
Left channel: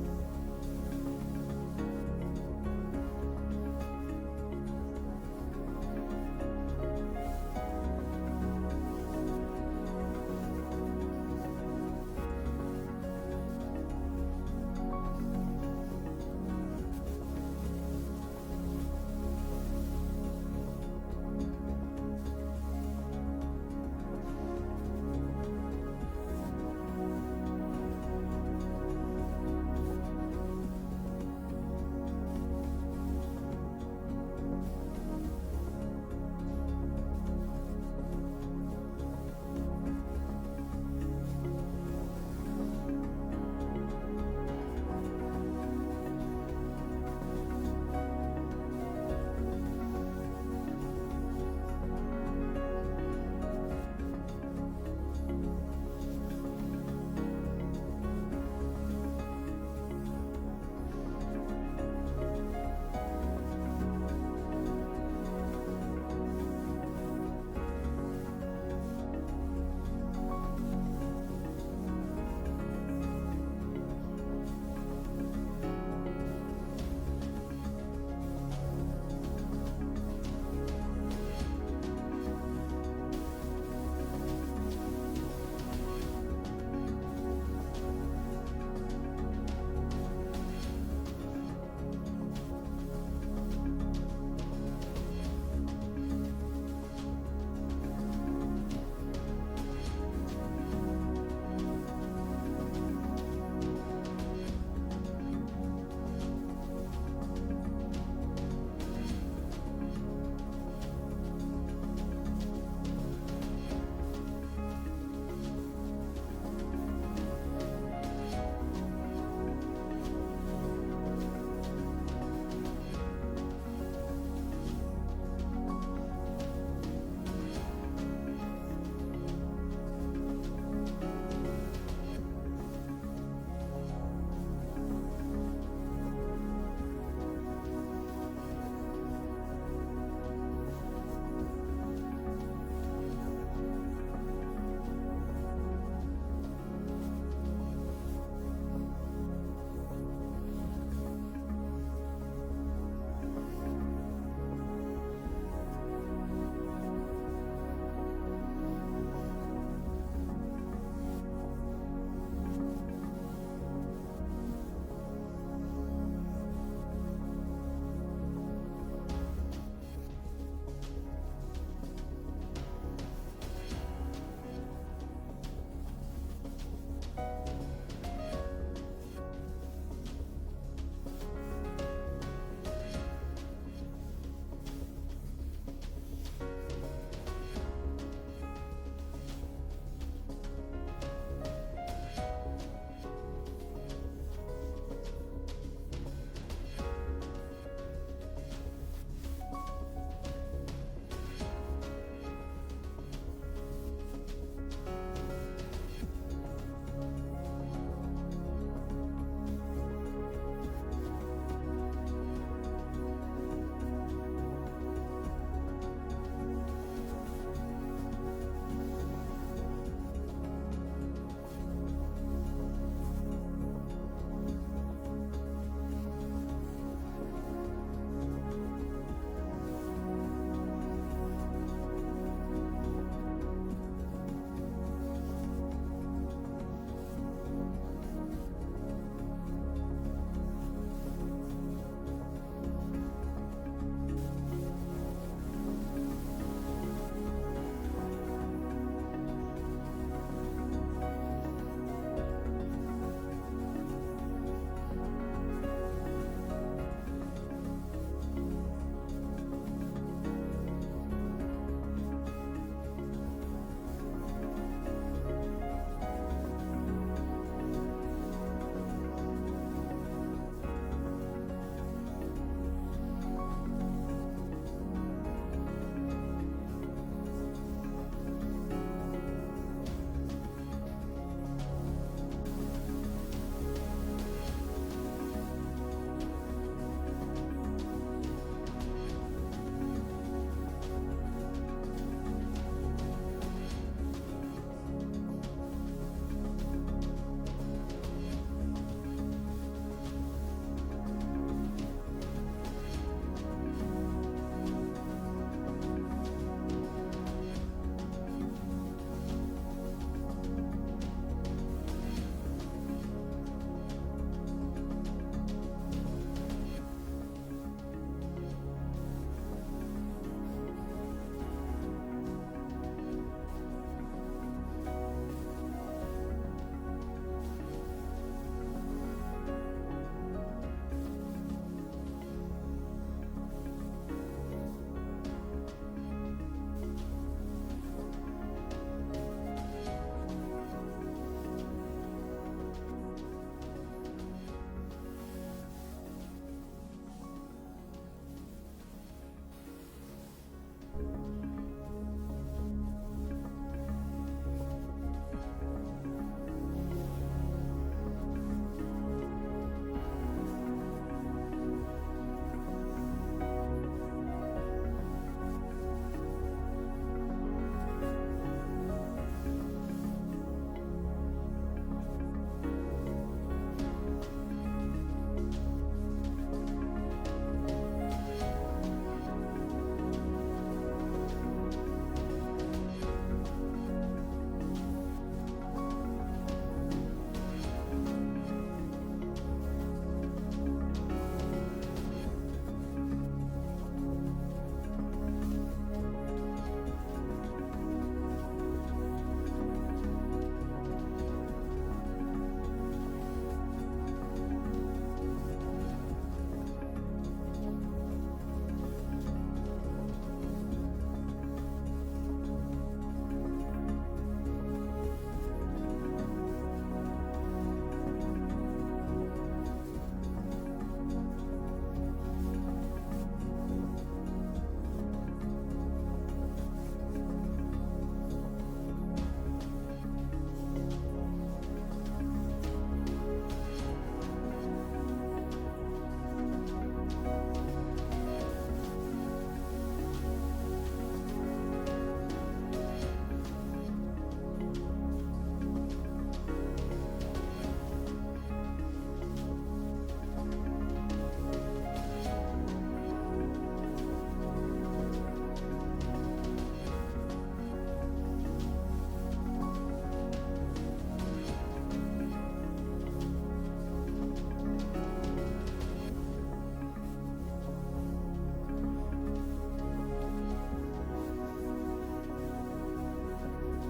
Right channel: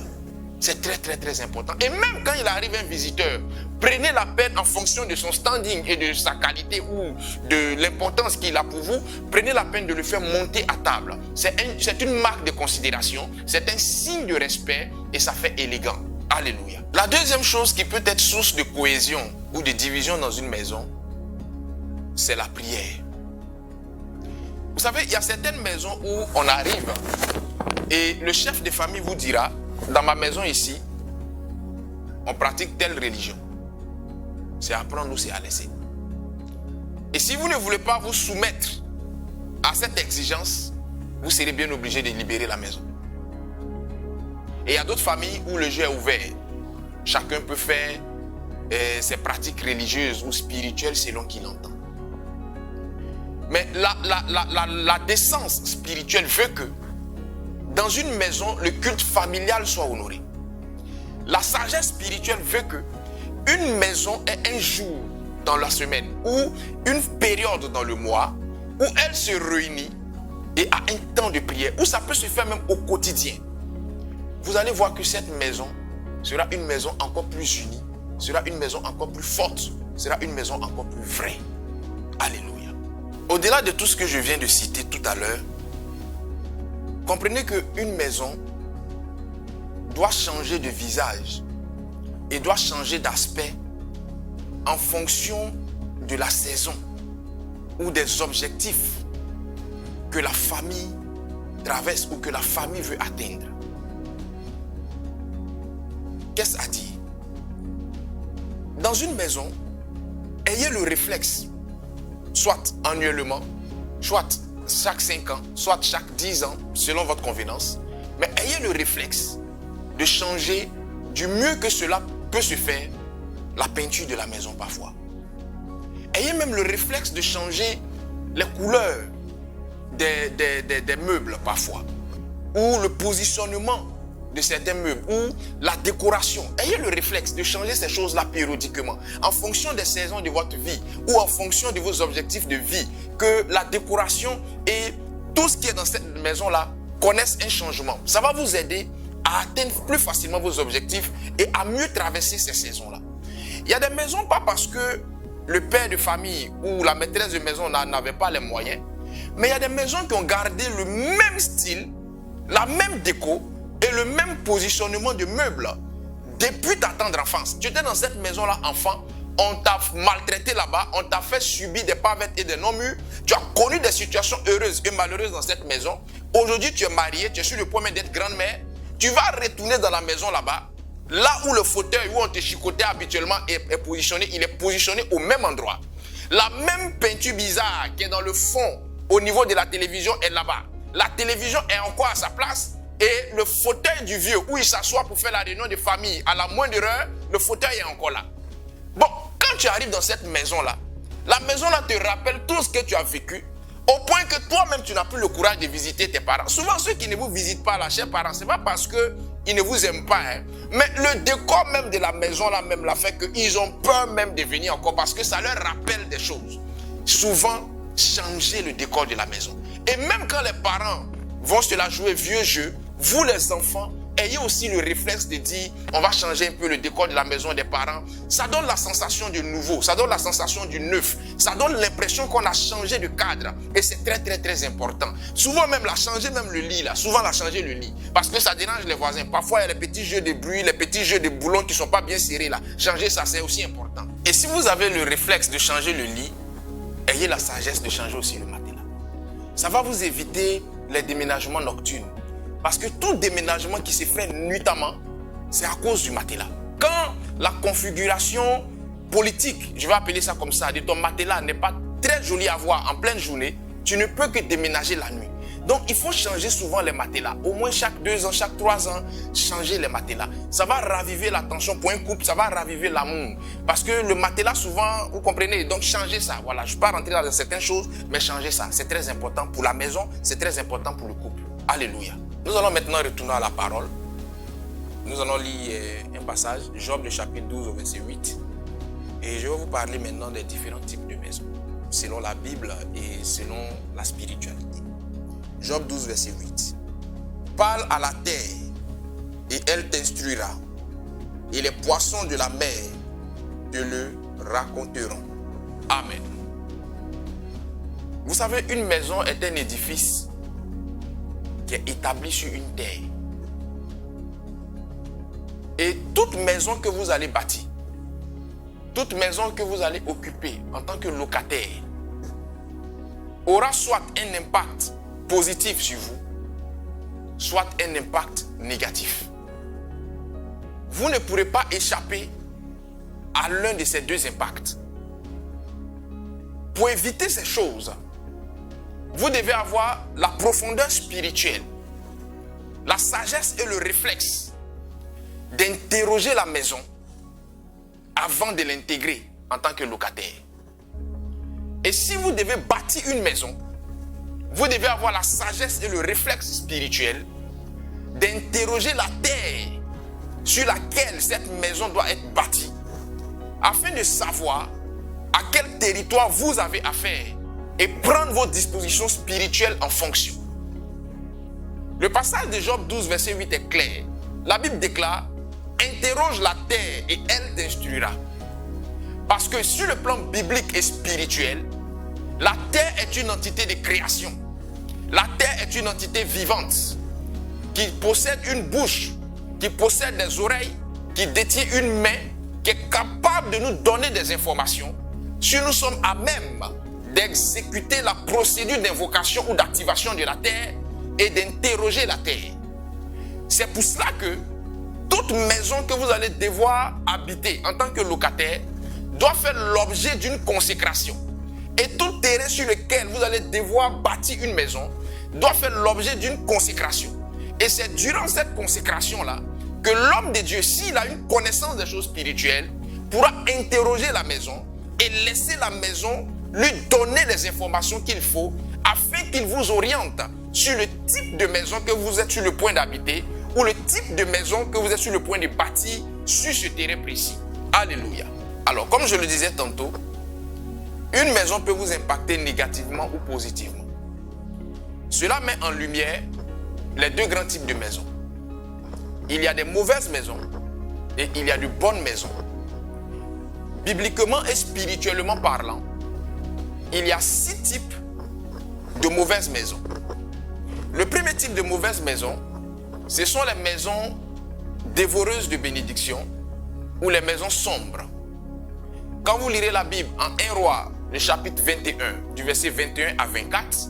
C'est très très très important. Et même quand il arrive un visiteur, prenez la peine en fonction de son standing et de sa qualité ou de l'importance qu'il a pour vous, prenez la peine de le faire monter à table. C'est une marque de considération, c'est un signe de respect et ça fait élégant. Alléluia. La deuxième chose qui peut être source de cohésion ou de division dans une maison, c'est la prière. Vous savez, il y a certaines maisons où on arrive et le chef de famille vous dira, dans ma maison ici, on pratique telle religion. C'est à prendre ou c'est à laisser. Et si vous ne voulez pas vous soumettre à cette exigence, vous serez bien obligé de libérer la maison. Et il y a d'autres familles où le jeu est ouvert. Chacun peut faire ses pratiques religieuses ou spirituelles selon qu'il entend. Mais la décence spirituelle veut que dans une maison, le culte familial soit honoré. La sagesse spirituelle veut que une maison ait un jour dans la semaine ou une période dans le mois où elle se réunit et a un temps de prière, où ça peut se faire même au quotidien. vous allez voir que cette maison sera une maison encore plus unie, sera une maison encore plus forte, sera une maison encore plus vraie. Alléluia. Au-delà de tout ce que je viens de citer tout à l'heure, comprenez qu'une maison doit changer de visage et doit changer d'aspect en fonction de la saison ou des objectifs que la famille traverse ou que la famille veut atteindre. Qu'est-ce à dire? Dans une maison, ayez le réflexe, soit annuellement, soit chaque 5 ans, soit chaque 10 ans, selon votre convenance, mais ayez le réflexe de changer du mieux que cela peut se faire la peinture de la maison parfois. Ayez même le réflexe de changer les couleurs des meubles parfois, ou le positionnement de certains meubles, ou la décoration. Ayez le réflexe de changer ces choses-là périodiquement, en fonction des saisons de votre vie, ou en fonction de vos objectifs de vie, que la décoration et tout ce qui est dans cette maison-là connaissent un changement. Ça va vous aider à atteindre plus facilement vos objectifs et à mieux traverser ces saisons-là. Il y a des maisons, pas parce que le père de famille ou la maîtresse de maison n'avait pas les moyens, mais il y a des maisons qui ont gardé le même style, la même déco et le même positionnement de meubles depuis ta tendre enfance. Tu étais dans cette maison-là enfant, on t'a maltraité là-bas, on t'a fait subir des pavettes et des non-murs, tu as connu des situations heureuses et malheureuses dans cette maison. Aujourd'hui, tu es marié, tu es sur le point d'être grand-mère, tu vas retourner dans la maison là-bas, là où le fauteuil où on te chicotait habituellement est positionné, il est positionné au même endroit. La même peinture bizarre qui est dans le fond au niveau de la télévision est là-bas. La télévision est encore à sa place et le fauteuil du vieux où il s'assoit pour faire la réunion de famille, à la moindre heure, le fauteuil est encore là. Bon, quand tu arrives dans cette maison-là, la maison-là te rappelle tout ce que tu as vécu, au point que toi-même, tu n'as plus le courage de visiter tes parents. Souvent, ceux qui ne vous visitent pas, là, chers parents, ce n'est pas parce qu'ils ne vous aiment pas, hein, mais le décor même de la maison-là même l'a fait qu'ils ont peur même de venir encore parce que ça leur rappelle des choses. Souvent, changez le décor de la maison. Et même quand les parents vont se la jouer vieux jeu, vous les enfants, ayez aussi le réflexe de dire, on va changer un peu le décor de la maison des parents. Ça donne la sensation du nouveau, ça donne la sensation du neuf, ça donne l'impression qu'on a changé de cadre. Et c'est très très très important. Souvent même, la changer même le lit, là, souvent la changer le lit. Parce que ça dérange les voisins. Parfois, il y a les petits jeux de bruit, les petits jeux de boulons qui ne sont pas bien serrés là. Changer ça, c'est aussi important. Et si vous avez le réflexe de changer le lit, ayez la sagesse de changer aussi le matelas. Ça va vous éviter les déménagements nocturnes. Parce que tout déménagement qui se fait nuitamment, c'est à cause du matelas. Quand la configuration politique, je vais appeler ça comme ça, de ton matelas n'est pas très jolie à voir en pleine journée, tu ne peux que déménager la nuit. Donc il faut changer souvent les matelas. Au moins chaque 2 ans, chaque 3 ans, changer les matelas. Ça va raviver l'attention pour un couple, ça va raviver l'amour. Parce que le matelas souvent, vous comprenez, donc changez ça. Voilà, je ne vais pas rentrer dans certaines choses, mais changez ça. C'est très important pour la maison, c'est très important pour le couple. Alléluia. Nous allons maintenant retourner à la parole. Nous allons lire un passage, Job le chapitre 12 au verset 8. Et je vais vous parler maintenant des différents types de maisons, selon la Bible et selon la spiritualité. Job 12 verset 8. Parle à la terre et elle t'instruira, et les poissons de la mer te le raconteront. Amen. Vous savez, une maison est un édifice qui est établi sur une terre. Et toute maison que vous allez bâtir, toute maison que vous allez occuper en tant que locataire, aura soit un impact positif sur vous, soit un impact négatif. Vous ne pourrez pas échapper à l'un de ces deux impacts. Pour éviter ces choses, vous devez avoir la profondeur spirituelle, la sagesse et le réflexe d'interroger la maison avant de l'intégrer en tant que locataire. Et si vous devez bâtir une maison, vous devez avoir la sagesse et le réflexe spirituel d'interroger la terre sur laquelle cette maison doit être bâtie, afin de savoir à quel territoire vous avez affaire et prendre vos dispositions spirituelles en fonction. Le passage de Job 12, verset 8 est clair. la Bible déclare, interroge la terre et elle t'instruira. Parce que sur le plan biblique et spirituel, la terre est une entité de création. La terre est une entité vivante qui possède une bouche, qui possède des oreilles, qui détient une main, qui est capable de nous donner des informations si nous sommes à même d'exécuter la procédure d'invocation ou d'activation de la terre et d'interroger la terre. C'est pour cela que toute maison que vous allez devoir habiter en tant que locataire doit faire l'objet d'une consécration. Et tout terrain sur lequel vous allez devoir bâtir une maison doit faire l'objet d'une consécration. Et c'est durant cette consécration-là que l'homme de Dieu, s'il a une connaissance des choses spirituelles, pourra interroger la maison et laisser la maison lui donner les informations qu'il faut afin qu'il vous oriente sur le type de maison que vous êtes sur le point d'habiter ou le type de maison que vous êtes sur le point de bâtir sur ce terrain précis. Alléluia. Alors, comme je le disais tantôt, une maison peut vous impacter négativement ou positivement. Cela met en lumière les deux grands types de maisons. Il y a des mauvaises maisons et il y a de bonnes maisons. Bibliquement et spirituellement parlant, il y a 6 types de mauvaises maisons. Le premier type de mauvaise maison, ce sont les maisons dévoreuses de bénédictions ou les maisons sombres. Quand vous lirez la Bible en 1 Roi, le chapitre 21, du verset 21 à 24,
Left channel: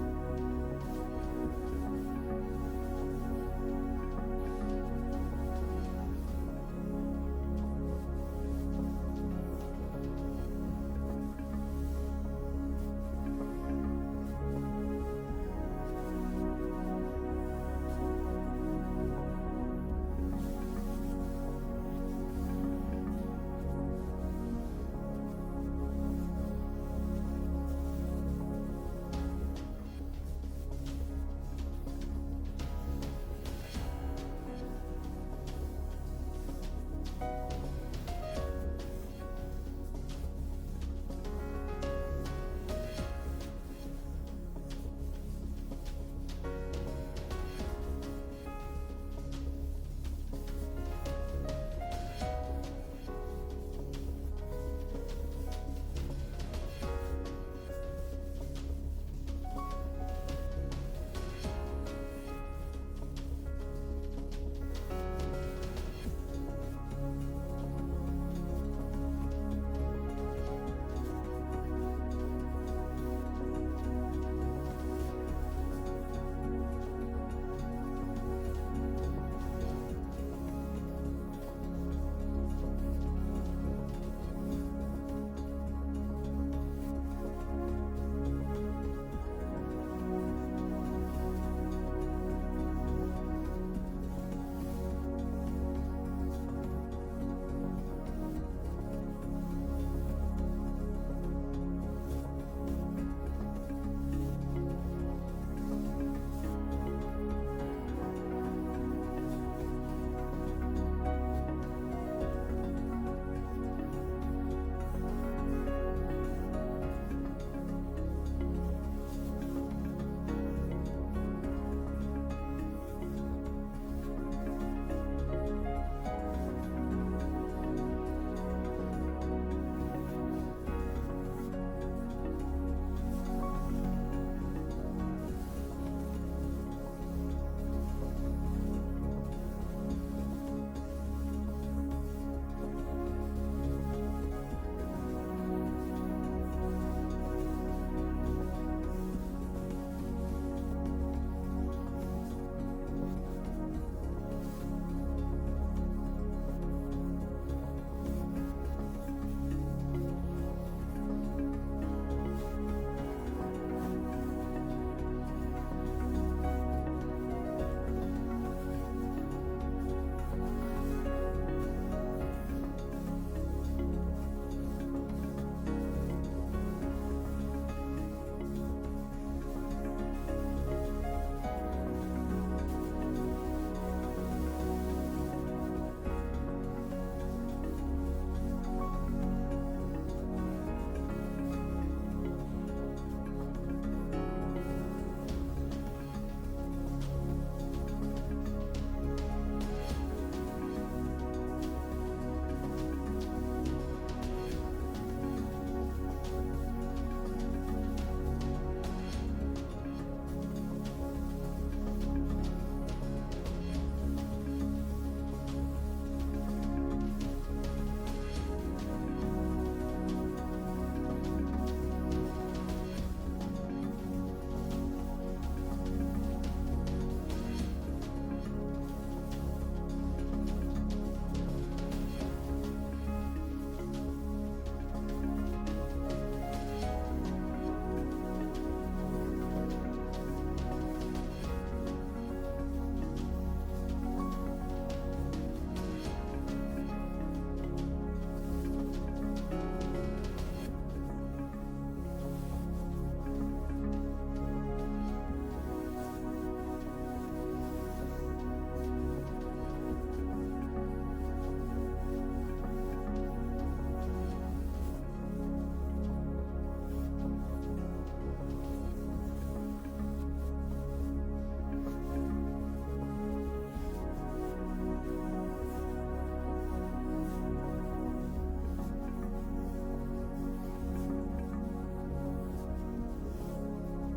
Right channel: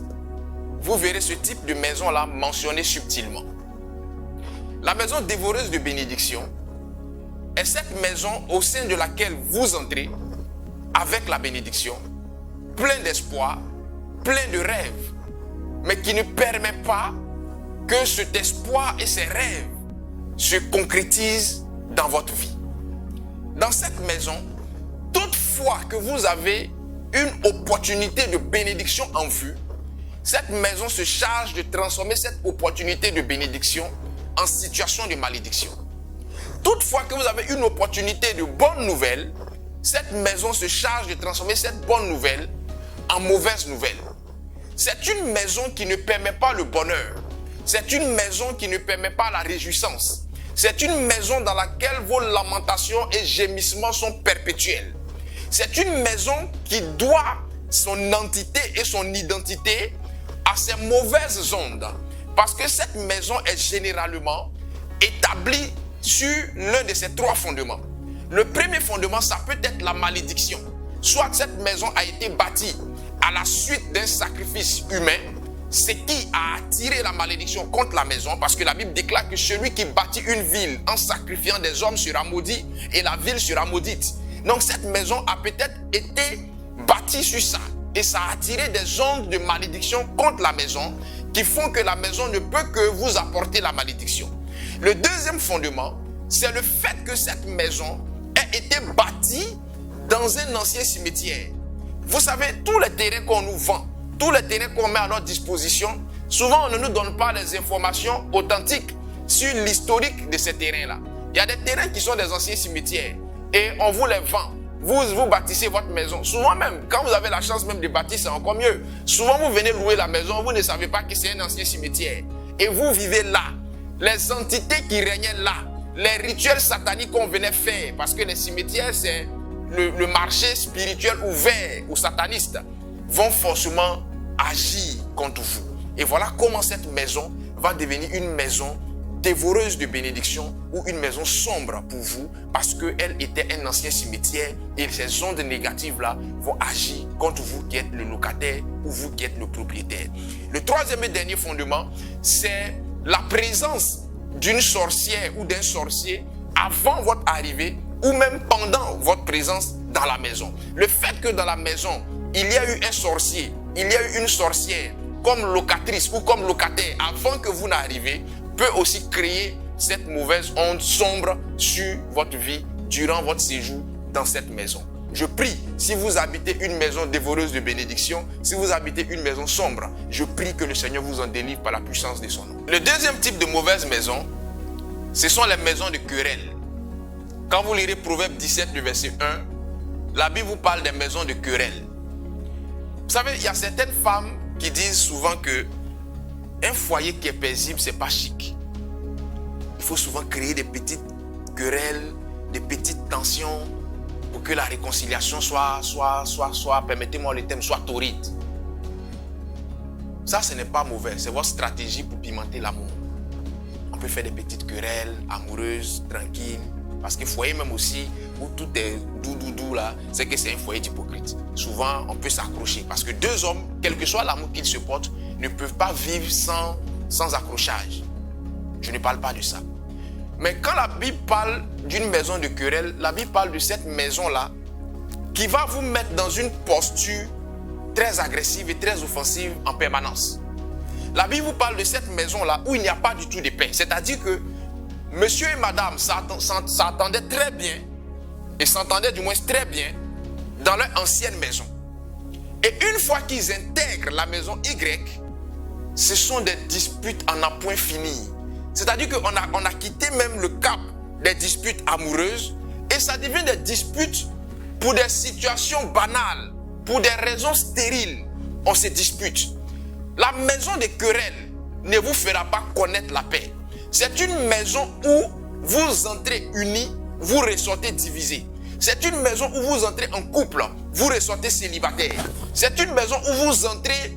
vous verrez ce type de maison-là mentionné subtilement. La maison dévoreuse de bénédictions est cette maison au sein de laquelle vous entrez avec la bénédiction, plein d'espoir, plein de rêves, mais qui ne permet pas que cet espoir et ces rêves se concrétisent dans votre vie. Dans cette maison, toutefois que vous avez une opportunité de bénédiction en vue, cette maison se charge de transformer cette opportunité de bénédiction en situation de malédiction. Toutefois que vous avez une opportunité de bonne nouvelle, cette maison se charge de transformer cette bonne nouvelle en mauvaise nouvelle. C'est une maison qui ne permet pas le bonheur. C'est une maison qui ne permet pas la réjouissance. C'est une maison dans laquelle vos lamentations et gémissements sont perpétuels. C'est une maison qui doit son entité et son identité à ces mauvaises ondes. Parce que cette maison est généralement établie sur l'un de ces 3 fondements. Le premier fondement, ça peut être la malédiction. Soit cette maison a été bâtie à la suite d'un sacrifice humain, ce qui a attiré la malédiction contre la maison, parce que la Bible déclare que celui qui bâtit une ville en sacrifiant des hommes sera maudit et la ville sera maudite. Donc cette maison a peut-être été bâtie sur ça et ça a attiré des ondes de malédiction contre la maison qui font que la maison ne peut que vous apporter la malédiction. Le deuxième fondement, c'est le fait que cette maison ait été bâtie dans un ancien cimetière. Vous savez, tous les terrains qu'on nous vend, tous les terrains qu'on met à notre disposition, souvent on ne nous donne pas les informations authentiques sur l'historique de ces terrains-là. Il y a des terrains qui sont des anciens cimetières et on vous les vend. Vous bâtissez votre maison. Souvent même, quand vous avez la chance même de bâtir, c'est encore mieux. Souvent, vous venez louer la maison, vous ne savez pas que c'est un ancien cimetière. Et vous vivez là. Les entités qui régnaient là, les rituels sataniques qu'on venait faire, parce que les cimetières, c'est le marché spirituel ouvert aux satanistes, vont forcément agir contre vous. Et voilà comment cette maison va devenir une maison dévoreuse de bénédictions ou une maison sombre pour vous parce qu'elle était un ancien cimetière et ces ondes négatives-là vont agir contre vous qui êtes le locataire ou vous qui êtes le propriétaire. Le troisième et dernier fondement, c'est la présence d'une sorcière ou d'un sorcier avant votre arrivée ou même pendant votre présence dans la maison. Le fait que dans la maison, il y a eu un sorcier, il y a eu une sorcière comme locatrice ou comme locataire avant que vous n'arrivez peut aussi créer cette mauvaise onde sombre sur votre vie durant votre séjour dans cette maison. Je prie, si vous habitez une maison dévoreuse de bénédictions, si vous habitez une maison sombre, je prie que le Seigneur vous en délivre par la puissance de son nom. Le deuxième type de mauvaise maison, ce sont les maisons de querelle. Quand vous lirez Proverbe 17, le verset 1, la Bible vous parle des maisons de querelle. Vous savez, il y a certaines femmes qui disent souvent que un foyer qui est paisible, c'est pas chic. il faut souvent créer des petites querelles, des petites tensions pour que la réconciliation soit, permettez-moi le terme, soit torride. Ça, ce n'est pas mauvais. C'est votre stratégie pour pimenter l'amour. On peut faire des petites querelles amoureuses, tranquilles. Parce que foyer même aussi, où tout est doux là, c'est que c'est un foyer d'hypocrite. Souvent, on peut s'accrocher. Parce que deux hommes, quel que soit l'amour qu'ils se portent, ne peuvent pas vivre sans accrochage. Je ne parle pas de ça. Mais quand la Bible parle d'une maison de querelle, la Bible parle de cette maison-là qui va vous mettre dans une posture très agressive et très offensive en permanence. La Bible vous parle de cette maison-là où il n'y a pas du tout de paix. C'est-à-dire que monsieur et madame s'attendaient très bien, et s'entendaient du moins très bien, dans leur ancienne maison. Et une fois qu'ils intègrent la maison Y, ce sont des disputes en un point fini. C'est-à-dire qu'on a quitté même le cap des disputes amoureuses, et ça devient des disputes pour des situations banales, pour des raisons stériles. On se dispute. La maison des querelles ne vous fera pas connaître la paix. C'est une maison où vous entrez unis, vous ressortez divisés. C'est une maison où vous entrez en couple, vous ressortez célibataire. C'est une maison où vous entrez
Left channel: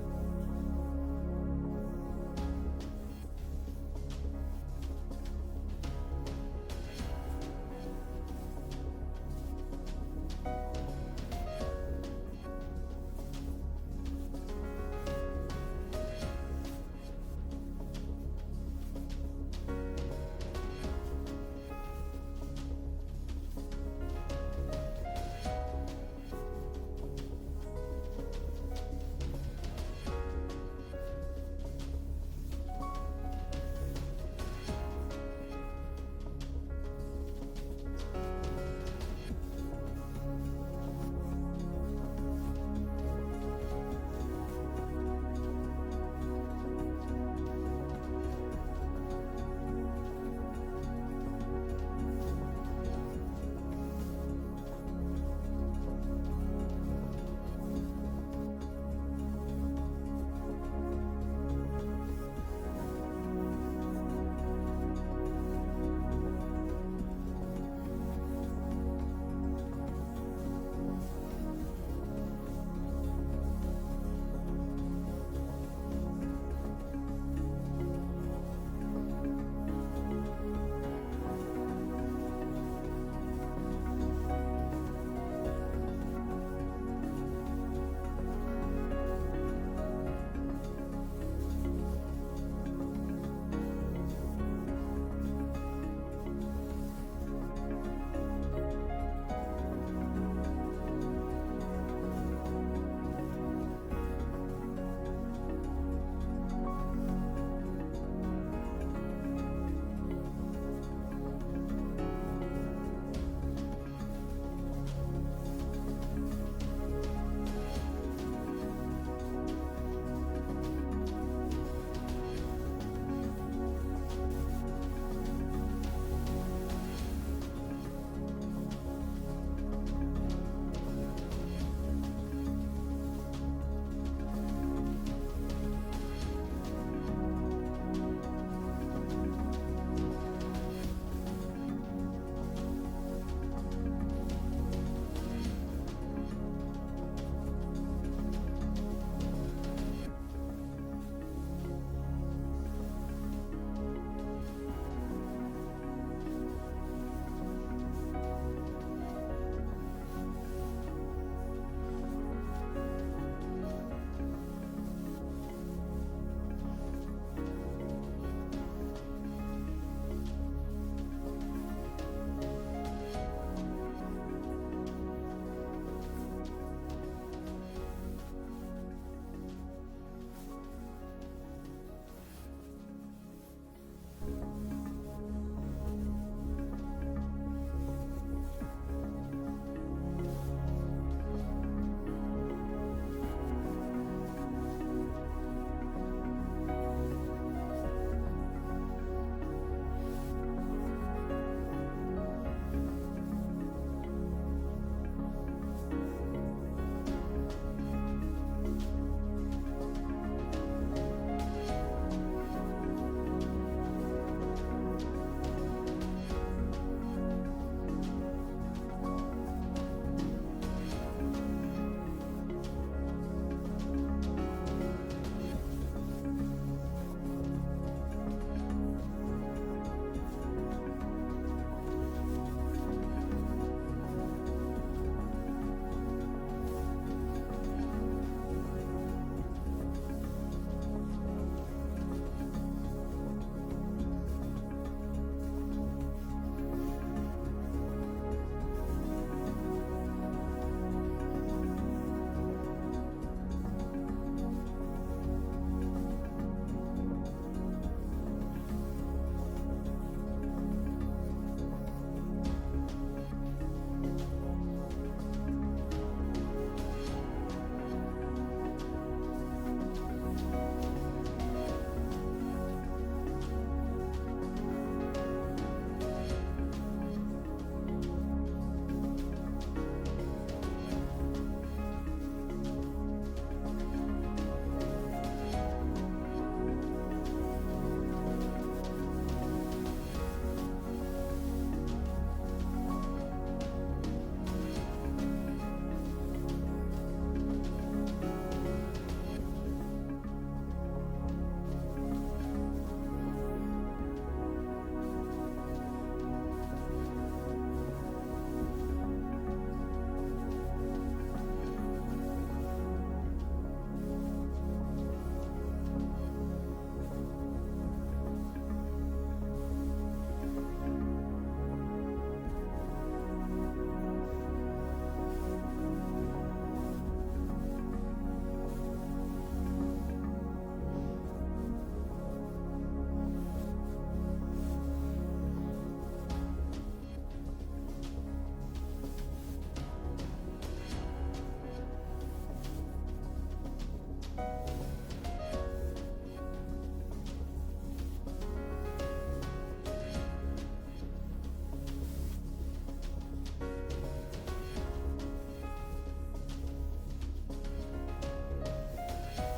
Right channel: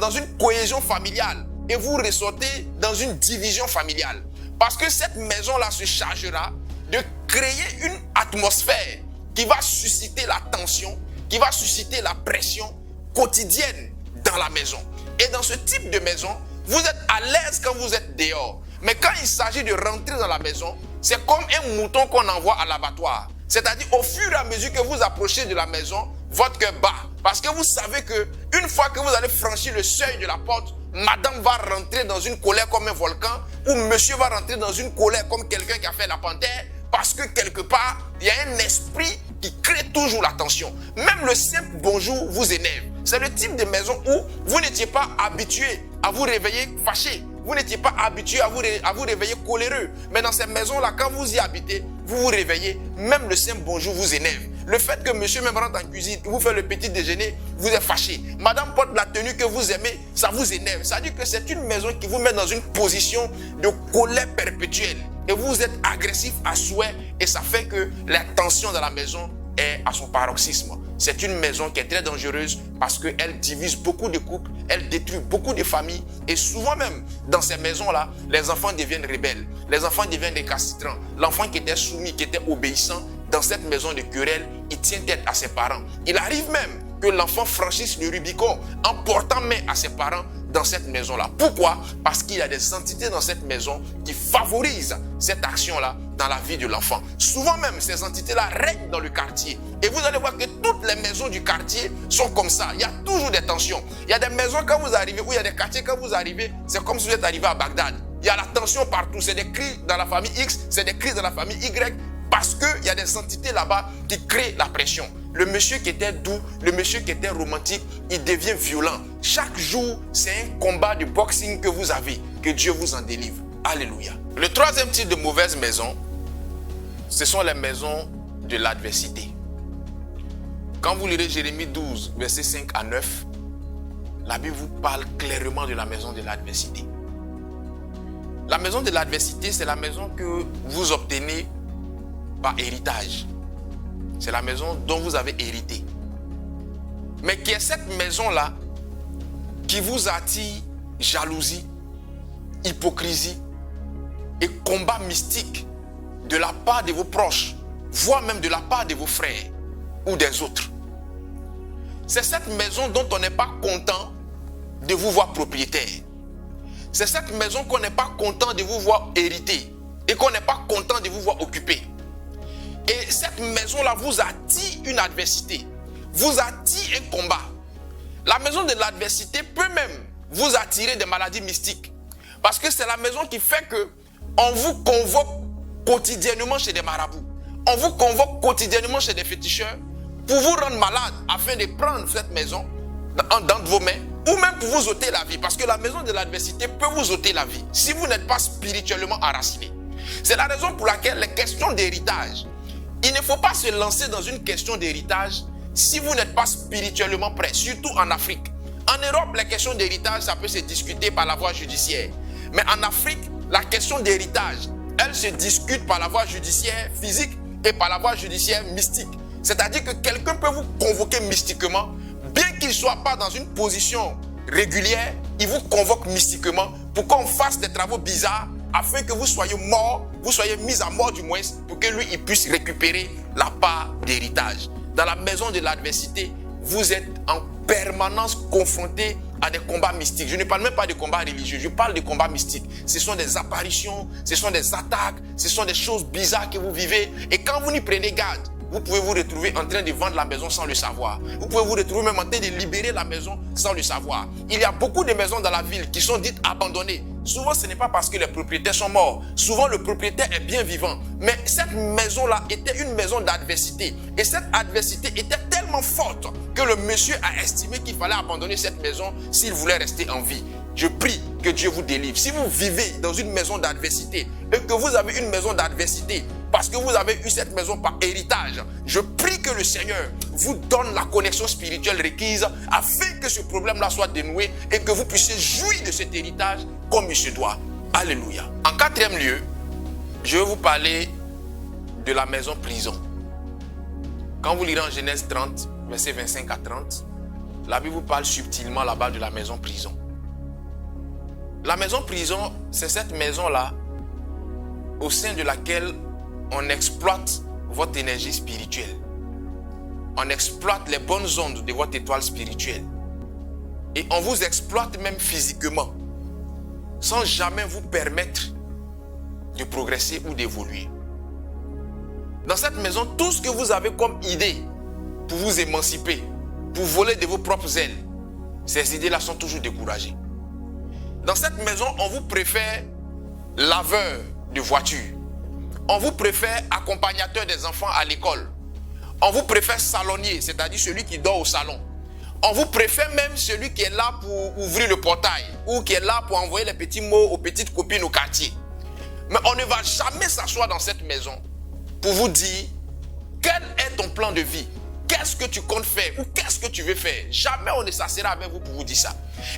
dans une cohésion familiale et vous ressortez dans une division familiale. Parce que cette maison-là se chargera de créer une atmosphère qui va susciter la tension, qui va susciter la pression quotidienne dans la maison. Et dans ce type de maison, vous êtes à l'aise quand vous êtes dehors. Mais quand il s'agit de rentrer dans la maison, c'est comme un mouton qu'on envoie à l'abattoir. C'est-à-dire au fur et à mesure que vous approchez de la maison, votre cœur bat. Parce que vous savez qu'une fois que vous allez franchir le seuil de la porte, madame va rentrer dans une colère comme un volcan, ou monsieur va rentrer dans une colère comme quelqu'un qui a fait la panthère, parce que quelque part, il y a un esprit qui crée toujours la tension. Même le simple bonjour vous énerve. C'est le type de maison où vous n'étiez pas habitué à vous réveiller fâché. Vous n'étiez pas habitué à vous réveiller coléreux. Mais dans cette maison-là, quand vous y habitez, vous vous réveillez, même le simple bonjour vous énerve. Le fait que monsieur même rentre en cuisine, vous fait le petit déjeuner, vous êtes fâché. Madame porte la tenue que vous aimez, ça vous énerve. Ça veut dire que c'est une maison qui vous met dans une position de colère perpétuelle. Et vous êtes agressif à souhait et ça fait que la tension dans la maison est à son paroxysme. C'est une maison qui est très dangereuse parce qu'elle divise beaucoup de couples, elle détruit beaucoup de familles et souvent même dans ces maisons-là, les enfants deviennent rebelles, les enfants deviennent récalcitrants. L'enfant qui était soumis, qui était obéissant, dans cette maison de querelle, il tient tête à ses parents. Il arrive même que l'enfant franchisse le Rubicon en portant main à ses parents dans cette maison-là. Pourquoi? Parce qu'il y a des entités dans cette maison qui favorisent cette action-là dans la vie de l'enfant. Souvent même, ces entités-là règnent dans le quartier. Et vous allez voir que toutes les maisons du quartier sont comme ça. Il y a toujours des tensions. Il y a des maisons quand vous arrivez, ou il y a des quartiers quand vous arrivez, c'est comme si vous êtes arrivé à Bagdad. Il y a la tension partout. C'est des cris dans la famille X, c'est des cris dans la famille Y. Parce qu'il y a des entités là-bas qui créent la pression. Le monsieur qui était doux, le monsieur qui était romantique, il devient violent. Chaque jour, c'est un combat de boxing que vous avez. Que Dieu vous en délivre. Alléluia. Le troisième type de mauvaise maison, ce sont les maisons de l'adversité. Quand vous lirez Jérémie 12, versets 5 à 9, la Bible vous parle clairement de la maison de l'adversité. La maison de l'adversité, c'est la maison que vous obtenez par héritage. C'est la maison dont vous avez hérité. Mais qui est cette maison-là qui vous attire jalousie, hypocrisie et combat mystique de la part de vos proches, voire même de la part de vos frères ou des autres. C'est cette maison dont on n'est pas content de vous voir propriétaire. C'est cette maison qu'on n'est pas content de vous voir hériter et qu'on n'est pas content de vous voir occuper. Et cette maison-là vous attire une adversité, vous attire un combat. La maison de l'adversité peut même vous attirer des maladies mystiques. Parce que c'est la maison qui fait qu'on vous convoque quotidiennement chez des marabouts. On vous convoque quotidiennement chez des féticheurs pour vous rendre malade afin de prendre cette maison dans vos mains ou même pour vous ôter la vie. Parce que la maison de l'adversité peut vous ôter la vie si vous n'êtes pas spirituellement enraciné. C'est la raison pour laquelle les questions d'héritage, il ne faut pas se lancer dans une question d'héritage si vous n'êtes pas spirituellement prêt, surtout en Afrique. En Europe, les questions d'héritage, ça peut se discuter par la voie judiciaire. Mais en Afrique, la question d'héritage, elle se discute par la voie judiciaire physique et par la voie judiciaire mystique. C'est-à-dire que quelqu'un peut vous convoquer mystiquement, bien qu'il ne soit pas dans une position régulière, il vous convoque mystiquement pour qu'on fasse des travaux bizarres afin que vous soyez mort, vous soyez mis à mort du moins, pour que lui il puisse récupérer la part d'héritage. Dans la maison de l'adversité, vous êtes en permanence confronté à des combats mystiques. Je ne parle même pas de combats religieux, je parle de combats mystiques. Ce sont des apparitions, ce sont des attaques, ce sont des choses bizarres que vous vivez. Et quand vous n'y prenez garde, vous pouvez vous retrouver en train de vendre la maison sans le savoir. Vous pouvez vous retrouver même en train de libérer la maison sans le savoir. Il y a beaucoup de maisons dans la ville qui sont dites abandonnées. Souvent, ce n'est pas parce que les propriétaires sont morts. Souvent, le propriétaire est bien vivant. Mais cette maison-là était une maison d'adversité. Et cette adversité était tellement forte que le monsieur a estimé qu'il fallait abandonner cette maison s'il voulait rester en vie. Je prie que Dieu vous délivre. Si vous vivez dans une maison d'adversité et que vous avez une maison d'adversité parce que vous avez eu cette maison par héritage, je prie que le Seigneur vous donne la connexion spirituelle requise afin que ce problème-là soit dénoué et que vous puissiez jouir de cet héritage comme il se doit. Alléluia. En quatrième lieu, je vais vous parler de la maison prison. Quand vous lirez en Genèse 30, versets 25 à 30, la Bible vous parle subtilement là-bas de la maison prison. La maison prison, c'est cette maison-là au sein de laquelle on exploite votre énergie spirituelle. On exploite les bonnes ondes de votre étoile spirituelle. Et on vous exploite même physiquement, sans jamais vous permettre de progresser ou d'évoluer. Dans cette maison, tout ce que vous avez comme idée pour vous émanciper, pour voler de vos propres ailes, ces idées-là sont toujours découragées. Dans cette maison, on vous préfère laveur de voiture. On vous préfère accompagnateur des enfants à l'école. On vous préfère salonnier, c'est-à-dire celui qui dort au salon. On vous préfère même celui qui est là pour ouvrir le portail ou qui est là pour envoyer les petits mots aux petites copines au quartier. Mais on ne va jamais s'asseoir dans cette maison pour vous dire quel est ton plan de vie. Qu'est-ce que tu comptes faire ou qu'est-ce que tu veux faire? Jamais on ne s'assera avec vous pour vous dire ça.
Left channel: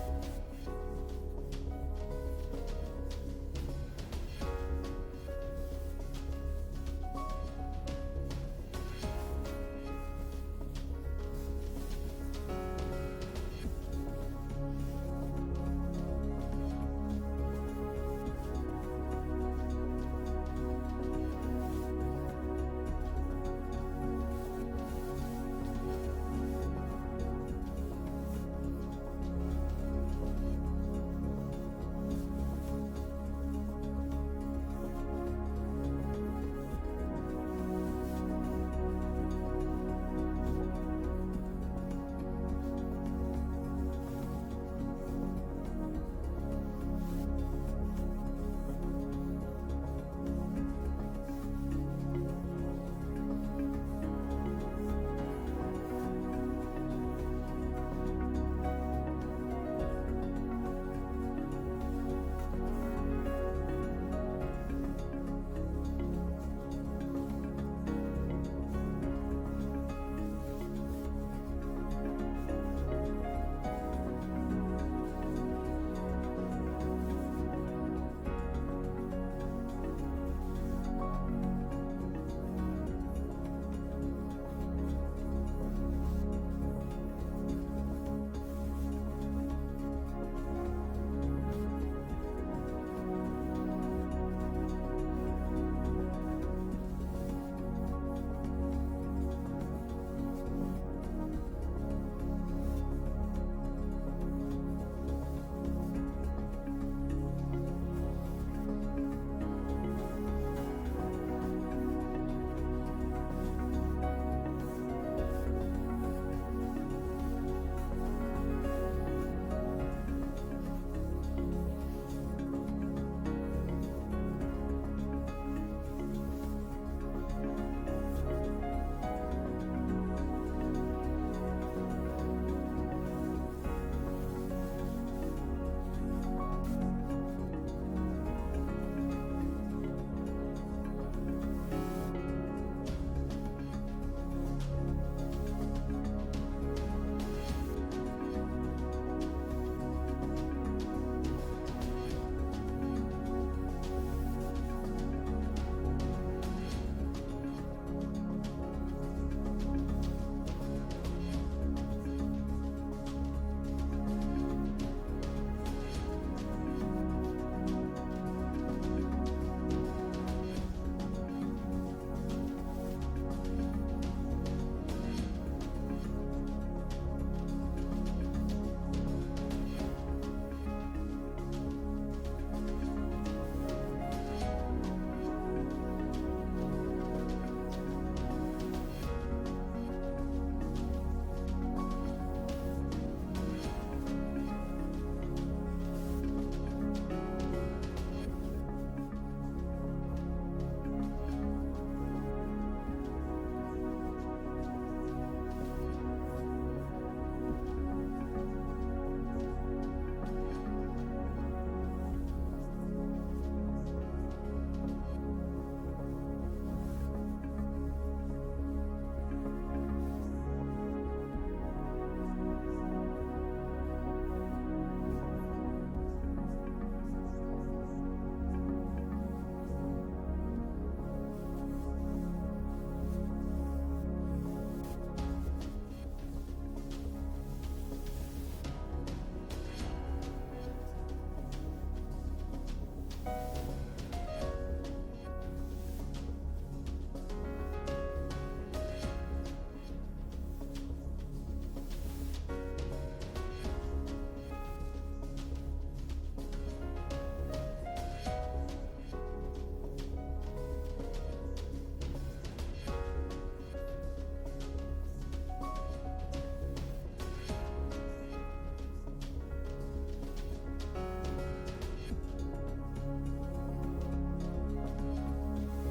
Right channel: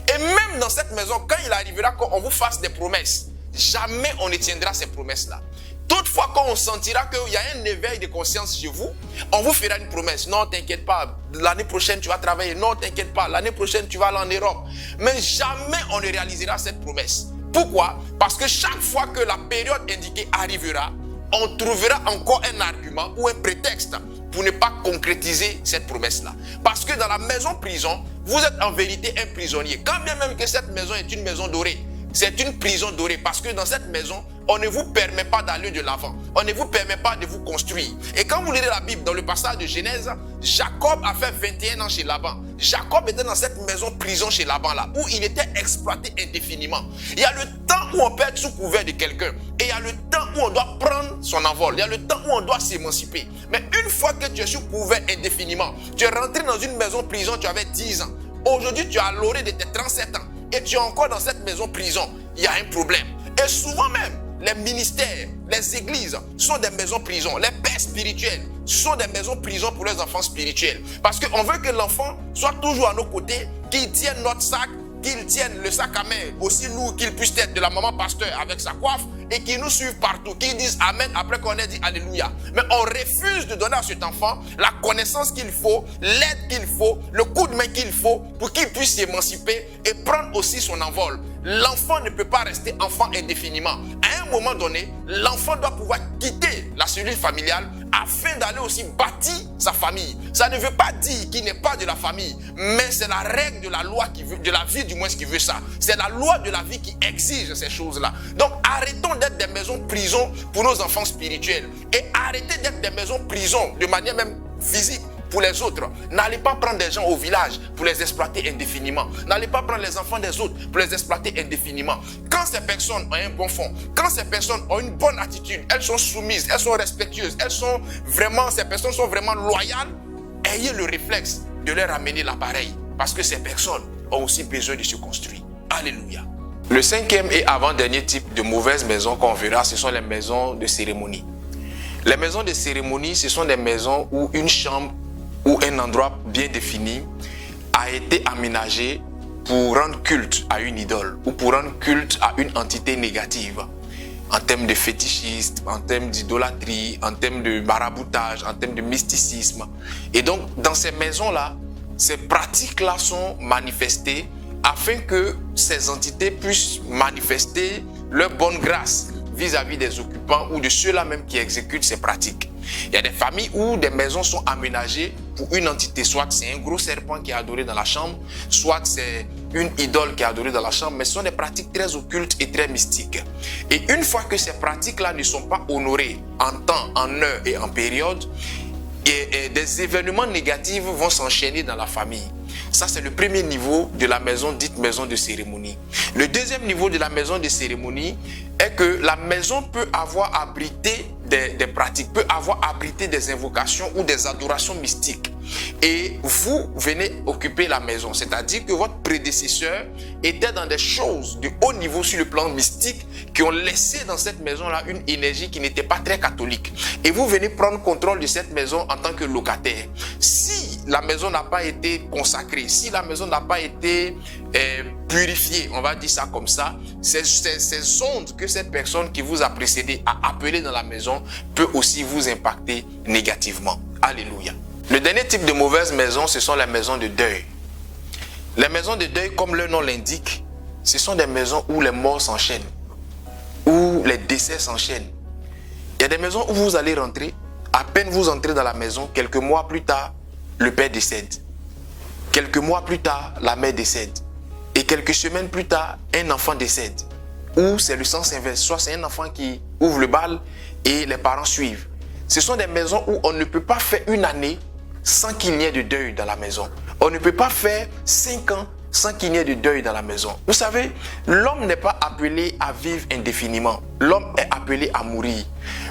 Et même dans cette maison, quand il arrivera qu'on vous fasse des promesses, jamais on ne tiendra ces promesses-là. Toutefois, quand on sentira qu'il y a un éveil de conscience chez vous, on vous fera une promesse. Non, t'inquiète pas, l'année prochaine tu vas travailler. Non, t'inquiète pas, l'année prochaine tu vas aller en Europe. Mais jamais on ne réalisera cette promesse. Pourquoi? Parce que chaque fois que la période indiquée arrivera, on trouvera encore un argument ou un prétexte pour ne pas concrétiser cette promesse-là. Parce que dans la maison prison, vous êtes en vérité un prisonnier. Quand bien même que cette maison est une maison dorée, c'est une prison dorée parce que dans cette maison, on ne vous permet pas d'aller de l'avant. On ne vous permet pas de vous construire. Et quand vous lirez la Bible dans le passage de Genèse, Jacob a fait 21 ans chez Laban. Jacob était dans cette maison prison chez Laban là, où il était exploité indéfiniment. Il y a le temps où on peut être sous couvert de quelqu'un. Et il y a le temps où on doit prendre son envol. Il y a le temps où on doit s'émanciper. Mais une fois que tu es sous couvert indéfiniment, tu es rentré dans une maison prison, tu avais 10 ans. Aujourd'hui, tu es à l'orée de tes 37 ans. Et tu es encore dans cette maison prison. Il y a un problème. Et souvent même, les ministères, les églises sont des maisons prisons. Les pères spirituels sont des maisons prisons pour les enfants spirituels. Parce qu'on veut que l'enfant soit toujours à nos côtés, qu'il tienne notre sac, qu'il tienne le sac à main aussi lourd qu'il puisse être de la maman pasteur avec sa coiffe et qu'il nous suive partout, qu'il dise Amen après qu'on ait dit Alléluia. Mais on refuse de donner à cet enfant la connaissance qu'il faut, l'aide qu'il faut, le coup de main qu'il faut pour qu'il puisse s'émanciper et prendre aussi son envol. L'enfant ne peut pas rester enfant indéfiniment. À un moment donné, l'enfant doit pouvoir quitter la cellule familiale afin d'aller aussi bâtir sa famille. Ça ne veut pas dire qu'il n'est pas de la famille, mais c'est la règle de la loi qui veut, de la vie du moins qui veut ça. C'est la loi de la vie qui exige ces choses-là. Donc arrêtons d'être des maisons prisons pour nos enfants spirituels et arrêtez d'être des maisons prisons de manière même physique pour les autres. N'allez pas prendre des gens au village pour les exploiter indéfiniment. N'allez pas prendre les enfants des autres pour les exploiter indéfiniment. Quand ces personnes ont un bon fond, quand ces personnes ont une bonne attitude, elles sont soumises, elles sont respectueuses, ces personnes sont vraiment loyales, ayez le réflexe de leur amener l'appareil. Parce que ces personnes ont aussi besoin de se construire. Alléluia. Le cinquième et avant-dernier type de mauvaise maison qu'on verra, ce sont les maisons de cérémonie. Les maisons de cérémonie, ce sont des maisons où une chambre ou un endroit bien défini a été aménagé pour rendre culte à une idole ou pour rendre culte à une entité négative en termes de fétichisme, en termes d'idolâtrie, en termes de maraboutage, en termes de mysticisme. Et donc, dans ces maisons-là, ces pratiques-là sont manifestées afin que ces entités puissent manifester leur bonne grâce vis-à-vis des occupants ou de ceux-là même qui exécutent ces pratiques. Il y a des familles où des maisons sont aménagées pour une entité, soit c'est un gros serpent qui est adoré dans la chambre, soit c'est une idole qui est adorée dans la chambre, mais ce sont des pratiques très occultes et très mystiques. Et une fois que ces pratiques-là ne sont pas honorées en temps, en heure et en période, et des événements négatifs vont s'enchaîner dans la famille. Ça, c'est le premier niveau de la maison dite maison de cérémonie. Le deuxième niveau de la maison de cérémonie est que la maison peut avoir abrité des pratiques, peut avoir abrité des invocations ou des adorations mystiques. Et vous venez occuper la maison, c'est-à-dire que votre prédécesseur était dans des choses de haut niveau sur le plan mystique qui ont laissé dans cette maison-là une énergie qui n'était pas très catholique. Et vous venez prendre contrôle de cette maison en tant que locataire. Si la maison n'a pas été consacrée, si la maison n'a pas été purifiée, on va dire ça comme ça, ces ondes que cette personne qui vous a précédé a appelées dans la maison peut aussi vous impacter négativement. Alléluia. Le dernier type de mauvaise maison, ce sont les maisons de deuil. Les maisons de deuil, comme leur nom l'indique, ce sont des maisons où les morts s'enchaînent, où les décès s'enchaînent. Il y a des maisons où vous allez rentrer, à peine vous entrez dans la maison, quelques mois plus tard, le père décède. Quelques mois plus tard, la mère décède. Et quelques semaines plus tard, un enfant décède. Ou c'est le sens inverse, soit c'est un enfant qui ouvre le bal et les parents suivent. Ce sont des maisons où on ne peut pas faire une année sans qu'il n'y ait de deuil dans la maison. On ne peut pas faire 5 ans sans qu'il n'y ait de deuil dans la maison. Vous savez, l'homme n'est pas appelé à vivre indéfiniment. L'homme est appelé à mourir.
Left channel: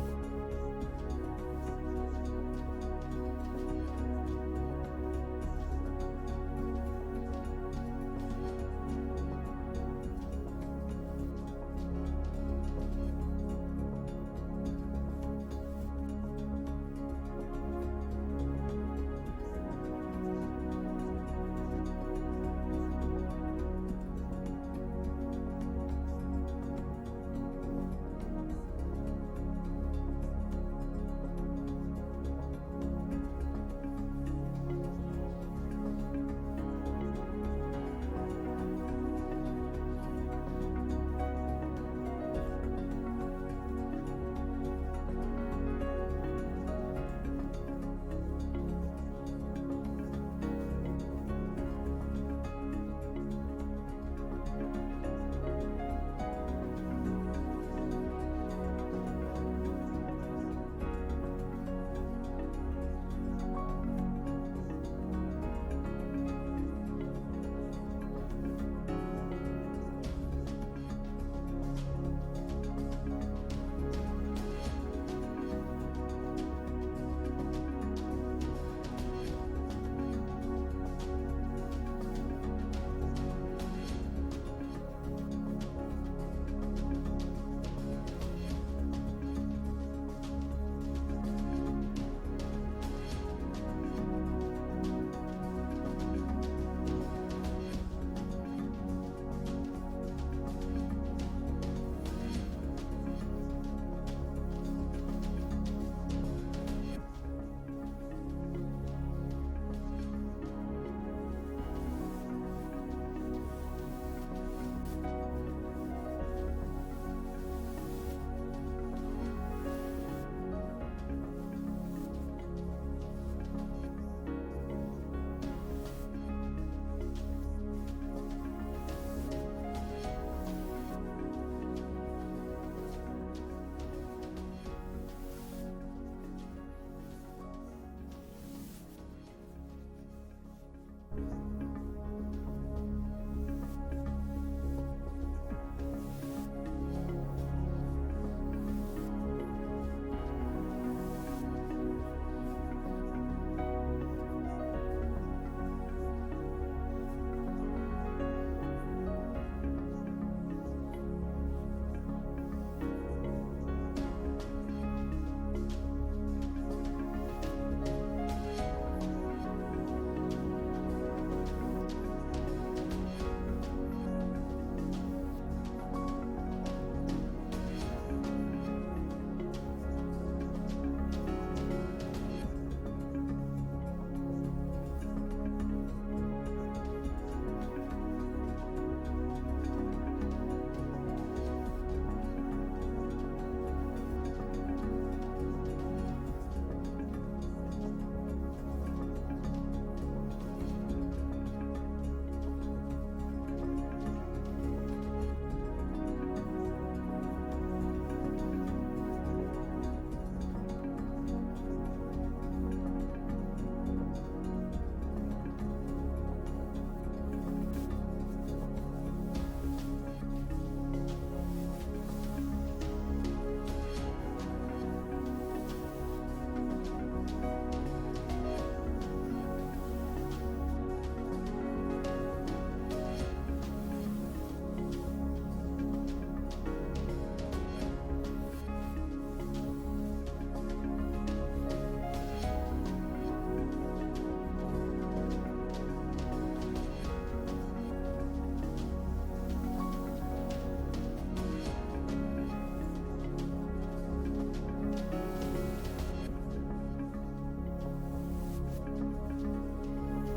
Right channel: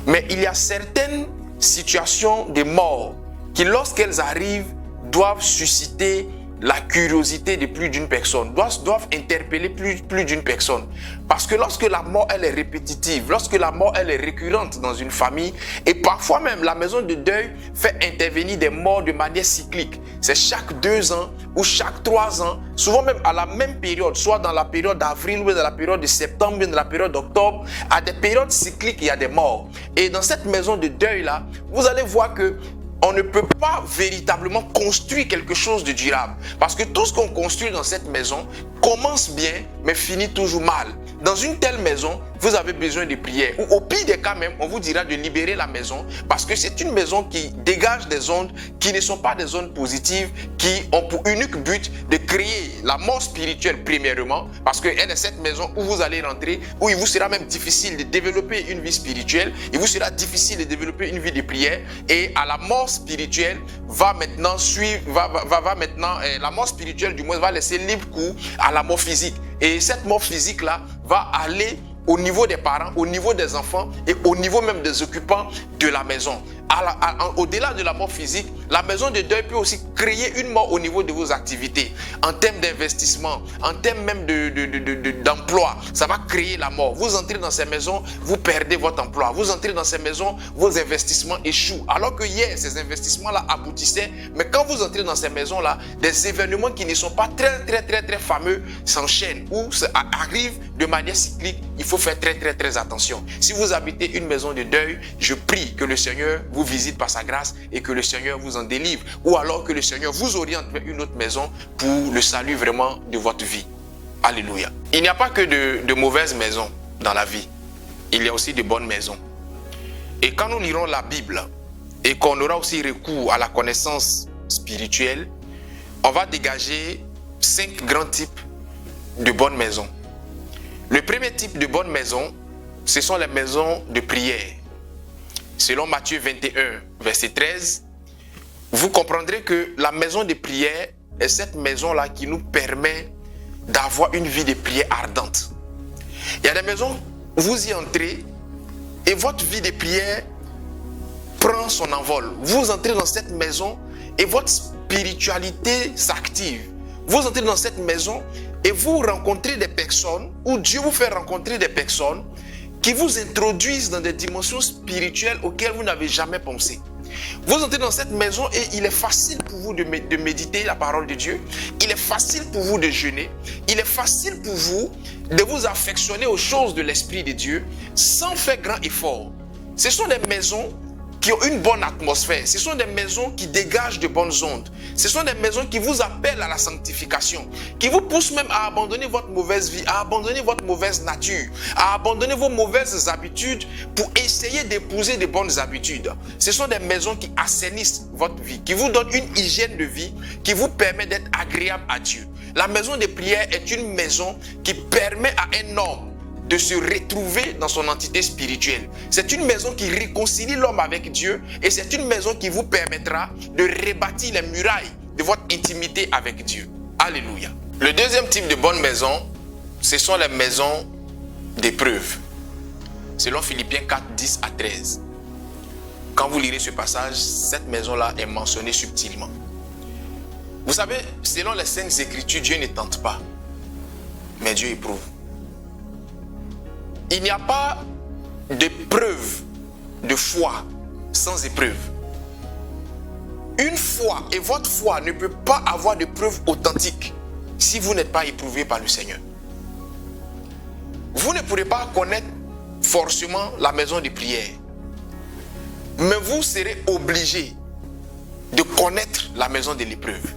Mais il y a certaines situations de mort qui, lorsqu'elles arrivent, doivent susciter la curiosité de plus d'une personne, doivent interpeller plus d'une personne. Parce que lorsque la mort elle est répétitive, lorsque la mort elle est récurrente dans une famille, et parfois même la maison de deuil fait intervenir des morts de manière cyclique. C'est chaque 2 ans ou chaque 3 ans, souvent même à la même période, soit dans la période d'avril ou dans la période de septembre ou dans la période d'octobre, à des périodes cycliques, il y a des morts. Et dans cette maison de deuil là, vous allez voir que on ne peut pas véritablement construire quelque chose de durable. Parce que tout ce qu'on construit dans cette maison commence bien, mais finit toujours mal. Dans une telle maison, vous avez besoin de prière. Ou au pire des cas même, on vous dira de libérer la maison. Parce que c'est une maison qui dégage des ondes qui ne sont pas des ondes positives, qui ont pour unique but de créer la mort spirituelle premièrement. Parce qu'elle est cette maison où vous allez rentrer, où il vous sera même difficile de développer une vie spirituelle. Il vous sera difficile de développer une vie de prière. Et à la mort spirituelle va maintenant suivre, la mort spirituelle du moins va laisser libre cours à la mort physique. Et cette mort physique là va aller au niveau des parents, au niveau des enfants et au niveau même des occupants de la maison. Au-delà de la mort physique, la maison de deuil peut aussi créer une mort au niveau de vos activités. En termes d'investissement, en termes même d'emploi, ça va créer la mort. Vous entrez dans ces maisons, vous perdez votre emploi. Vous entrez dans ces maisons, vos investissements échouent. Alors que hier, ces investissements-là aboutissaient. Mais quand vous entrez dans ces maisons-là, des événements qui ne sont pas très fameux s'enchaînent ou arrivent de manière cyclique. Il faut faire très attention. Si vous habitez une maison de deuil, je prie que le Seigneur vous visite par sa grâce et que le Seigneur vous en délivre. Ou alors que le Seigneur vous oriente vers une autre maison pour le salut vraiment de votre vie. Alléluia. Il n'y a pas que de mauvaises maisons dans la vie. Il y a aussi de bonnes maisons. Et quand nous lirons la Bible et qu'on aura aussi recours à la connaissance spirituelle, on va dégager 5 grands types de bonnes maisons. Le premier type de bonne maison, ce sont les maisons de prière. Selon Matthieu 21, verset 13, vous comprendrez que la maison de prière est cette maison-là qui nous permet d'avoir une vie de prière ardente. Il y a des maisons où vous y entrez et votre vie de prière prend son envol. Vous entrez dans cette maison et votre spiritualité s'active. Vous entrez dans cette maison et vous rencontrez des personnes, ou Dieu vous fait rencontrer des personnes qui vous introduisent dans des dimensions spirituelles auxquelles vous n'avez jamais pensé. Vous entrez dans cette maison et il est facile pour vous de méditer la parole de Dieu. Il est facile pour vous de jeûner. Il est facile pour vous de vous affectionner aux choses de l'Esprit de Dieu sans faire grand effort. Ce sont des maisons qui ont une bonne atmosphère. Ce sont des maisons qui dégagent de bonnes ondes. Ce sont des maisons qui vous appellent à la sanctification, qui vous poussent même à abandonner votre mauvaise vie, à abandonner votre mauvaise nature, à abandonner vos mauvaises habitudes pour essayer d'épouser de bonnes habitudes. Ce sont des maisons qui assainissent votre vie, qui vous donnent une hygiène de vie, qui vous permet d'être agréable à Dieu. La maison de prière est une maison qui permet à un homme de se retrouver dans son entité spirituelle. C'est une maison qui réconcilie l'homme avec Dieu et c'est une maison qui vous permettra de rebâtir les murailles de votre intimité avec Dieu. Alléluia. Le deuxième type de bonne maison, ce sont les maisons d'épreuve. Selon Philippiens 4, 10 à 13. Quand vous lirez ce passage, cette maison-là est mentionnée subtilement. Vous savez, selon les Saintes Écritures, Dieu ne tente pas, mais Dieu éprouve. Il n'y a pas de preuve de foi sans épreuve. Une foi et votre foi ne peut pas avoir de preuve authentique si vous n'êtes pas éprouvé par le Seigneur. Vous ne pourrez pas connaître forcément la maison de prière, mais vous serez obligé de connaître la maison de l'épreuve.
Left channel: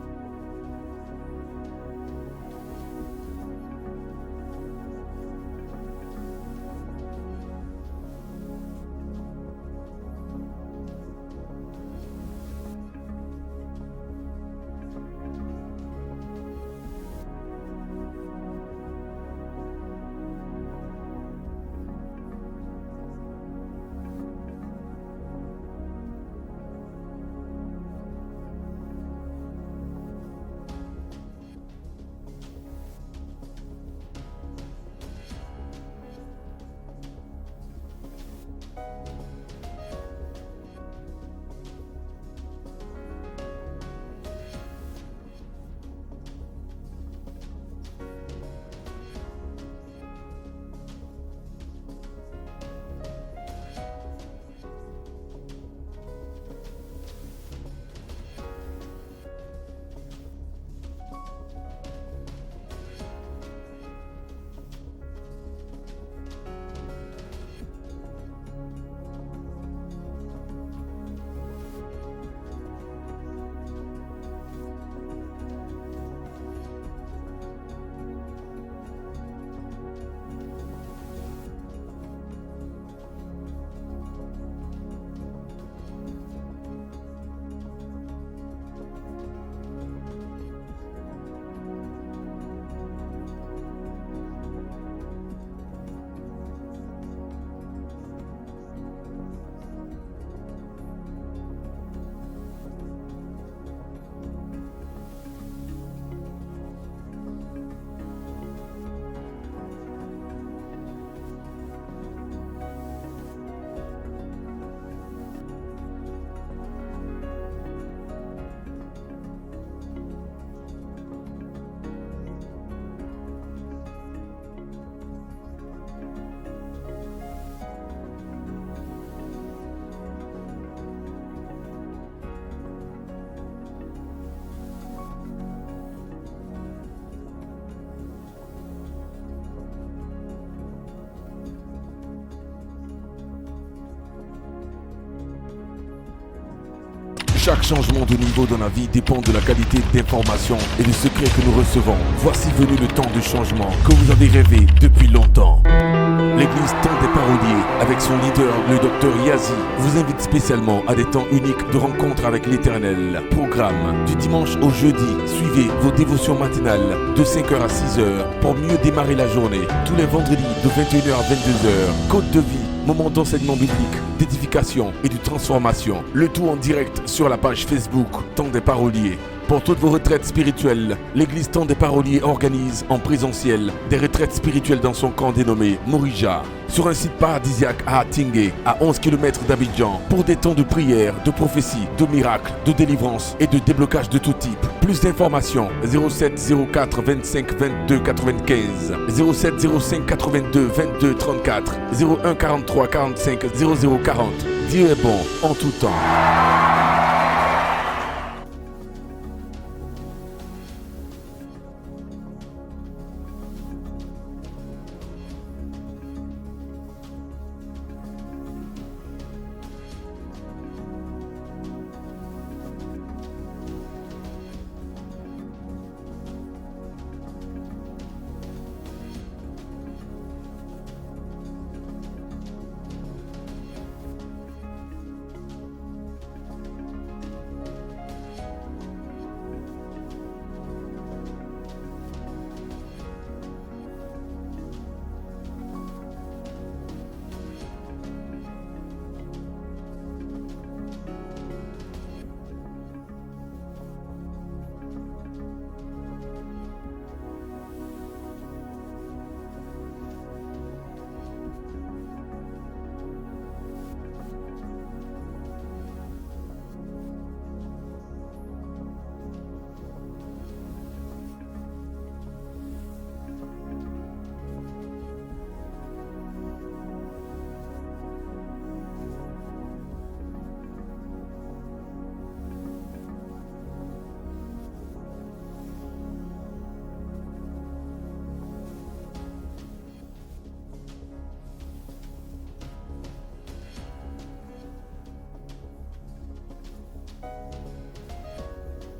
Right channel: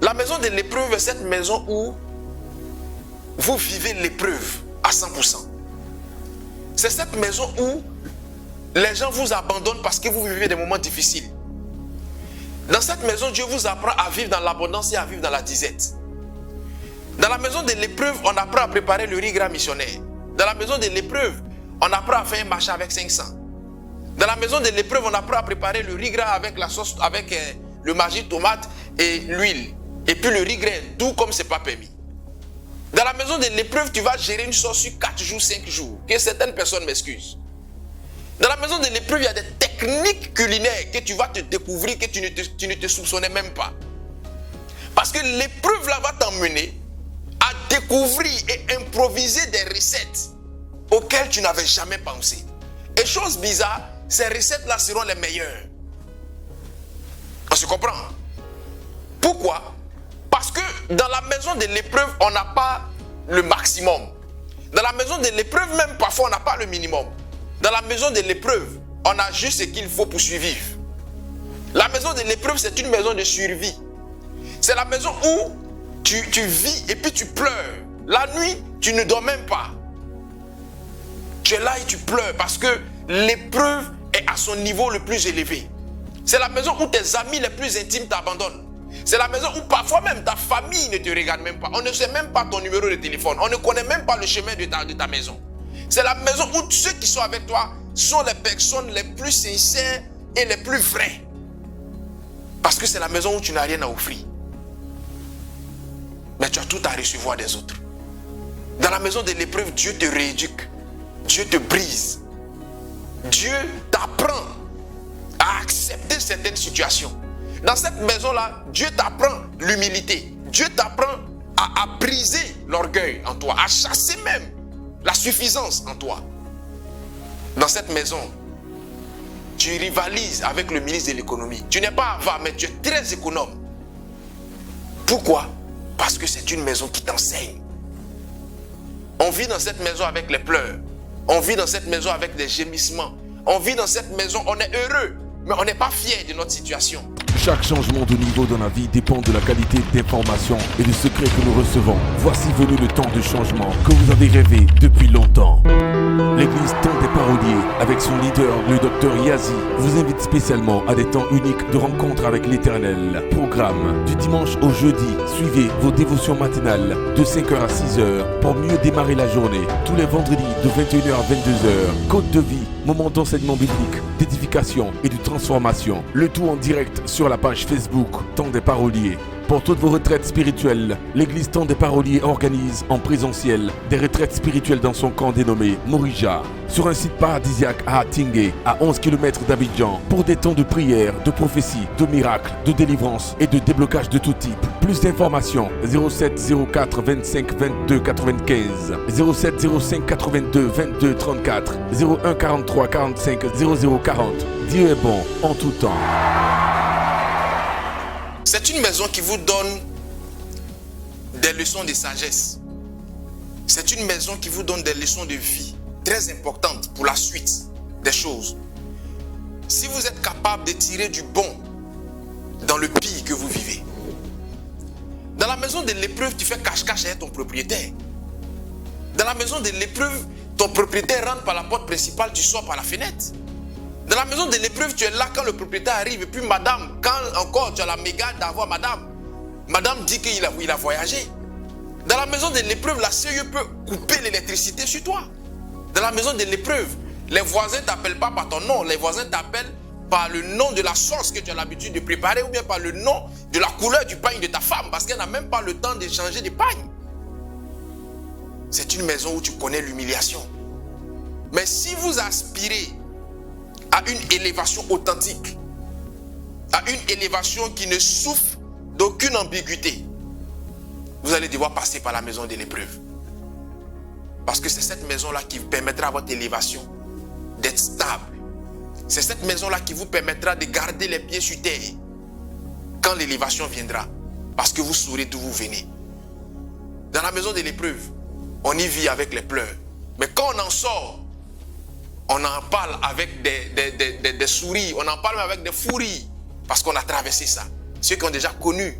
La maison de l'épreuve est cette maison où vous vivez l'épreuve à 100%. C'est cette maison où les gens vous abandonnent parce que vous vivez des moments difficiles. Dans cette maison, Dieu vous apprend à vivre dans l'abondance et à vivre dans la disette. Dans la maison de l'épreuve, on apprend à préparer le riz gras missionnaire. Dans la maison de l'épreuve, on apprend à faire un marché avec 500. Dans la maison de l'épreuve, on apprend à préparer le riz gras avec la sauce, avec le margi tomate et l'huile. Et puis le riz gras, tout comme c'est pas permis. Dans la maison de l'épreuve, tu vas gérer une sauce sur 4 jours, 5 jours. Que certaines personnes m'excusent. Dans la maison de l'épreuve, il y a des techniques culinaires que tu vas te découvrir, que tu ne te soupçonnais même pas. Parce que l'épreuve là va t'emmener à découvrir et improviser des recettes auxquelles tu n'avais jamais pensé. Et chose bizarre, ces recettes-là seront les meilleures. On se comprend? Pourquoi? Parce que dans la maison de l'épreuve, on n'a pas le maximum. Dans la maison de l'épreuve, même parfois, on n'a pas le minimum. Dans la maison de l'épreuve, on a juste ce qu'il faut pour survivre. La maison de l'épreuve, c'est une maison de survie. C'est la maison où tu vis et puis tu pleures. La nuit, tu ne dors même pas. Tu es là et tu pleures parce que l'épreuve est à son niveau le plus élevé. C'est la maison où tes amis les plus intimes t'abandonnent. C'est la maison où parfois même ta famille ne te regarde même pas. On ne sait même pas ton numéro de téléphone. On ne connaît même pas le chemin de ta maison. C'est la maison où ceux qui sont avec toi sont les personnes les plus sincères et les plus vraies. Parce que c'est la maison où tu n'as rien à offrir. Mais tu as tout à recevoir des autres. Dans la maison de l'épreuve, Dieu te rééduque. Dieu te brise. Dieu t'apprend à accepter certaines situations. Dans cette maison-là, Dieu t'apprend l'humilité. Dieu t'apprend à briser l'orgueil en toi, à chasser même la suffisance en toi. Dans cette maison, tu rivalises avec le ministre de l'économie. Tu n'es pas avare, mais tu es très économe. Pourquoi? Parce que c'est une maison qui t'enseigne. On vit dans cette maison avec les pleurs. On vit dans cette maison avec des gémissements. On vit dans cette maison, on est heureux, mais on n'est pas fier de notre situation. Chaque changement de niveau dans la vie dépend de la qualité d'information et du secret que nous recevons. Voici venu le temps de changement que vous avez rêvé depuis longtemps. L'église Temps des Paroliers, avec son leader, le Dr Yazi, vous invite spécialement à des temps uniques de rencontre avec l'Éternel. Programme du dimanche au jeudi. Suivez vos dévotions matinales de 5h à 6h pour mieux démarrer la journée. Tous les vendredis de 21h à 22h. Côte de vie, moment d'enseignement biblique, d'édification et de transformation. Le tout en direct sur la page Facebook Temps des Paroliers. Pour toutes vos retraites spirituelles, l'église Temps des Paroliers organise en présentiel des retraites spirituelles dans son camp dénommé Morija, sur un site paradisiaque à Atingué, à 11 km d'Abidjan, pour des temps de prière, de prophétie, de miracles, de délivrance et de déblocage de tout type. Plus d'informations 07 04 25 22 95, 07 05 82 22 34, 01 43 45 00 40. Dieu est bon en tout temps. C'est une maison qui vous donne des leçons de sagesse. C'est une maison qui vous donne des leçons de vie très importantes pour la suite des choses. Si vous êtes capable de tirer du bon dans le pire que vous vivez. Dans la maison de l'épreuve, tu fais cache-cache avec ton propriétaire. Dans la maison de l'épreuve, ton propriétaire rentre par la porte principale, tu sors par la fenêtre. Dans la maison de l'épreuve, tu es là quand le propriétaire arrive. Et puis madame, quand encore tu as la mégane d'avoir madame, madame dit qu'il a voyagé. Dans la maison de l'épreuve, la CIE peut couper l'électricité sur toi. Dans la maison de l'épreuve, les voisins ne t'appellent pas par ton nom. Les voisins t'appellent par le nom de la sauce que tu as l'habitude de préparer ou bien par le nom de la couleur du pagne de ta femme parce qu'elle n'a même pas le temps de changer de pagne. C'est une maison où tu connais l'humiliation. Mais si vous aspirez à une élévation authentique, à une élévation qui ne souffre d'aucune ambiguïté, vous allez devoir passer par la maison de l'épreuve. Parce que c'est cette maison-là qui vous permettra à votre élévation d'être stable. C'est cette maison-là qui vous permettra de garder les pieds sur terre quand l'élévation viendra. Parce que vous saurez d'où vous venez. Dans la maison de l'épreuve, on y vit avec les pleurs. Mais quand on en sort, on en parle avec des souris, on en parle avec des fous rires. Parce qu'on a traversé ça. Ceux qui ont déjà connu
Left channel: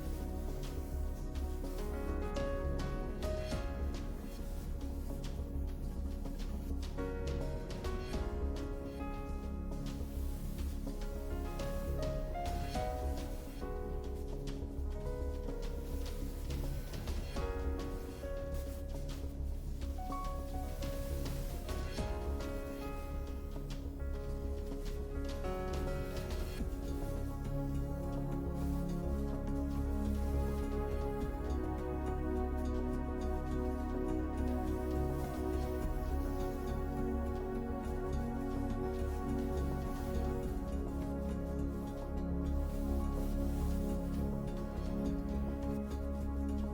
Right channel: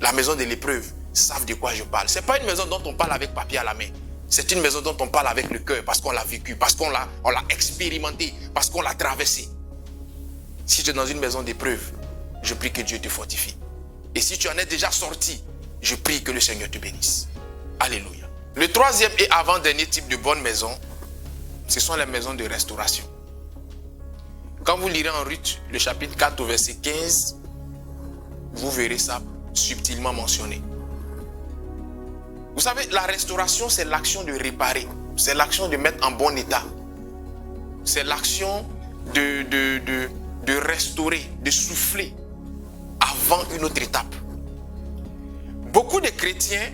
la maison de l'épreuve savent de quoi je parle. Ce n'est pas une maison dont on parle avec papier à la main. C'est une maison dont on parle avec le cœur parce qu'on l'a vécu, parce qu'on l'a expérimenté, parce qu'on l'a traversé. Si tu es dans une maison d'épreuve, je prie que Dieu te fortifie. Et si tu en es déjà sorti, je prie que le Seigneur te bénisse. Alléluia. Le troisième et avant-dernier type de bonne maison, ce sont les maisons de restauration. Quand vous lirez en Ruth, le chapitre 4 au verset 15, vous verrez ça subtilement mentionné. Vous savez, la restauration, c'est l'action de réparer. C'est l'action de mettre en bon état. C'est l'action de restaurer, de souffler avant une autre étape. Beaucoup de chrétiens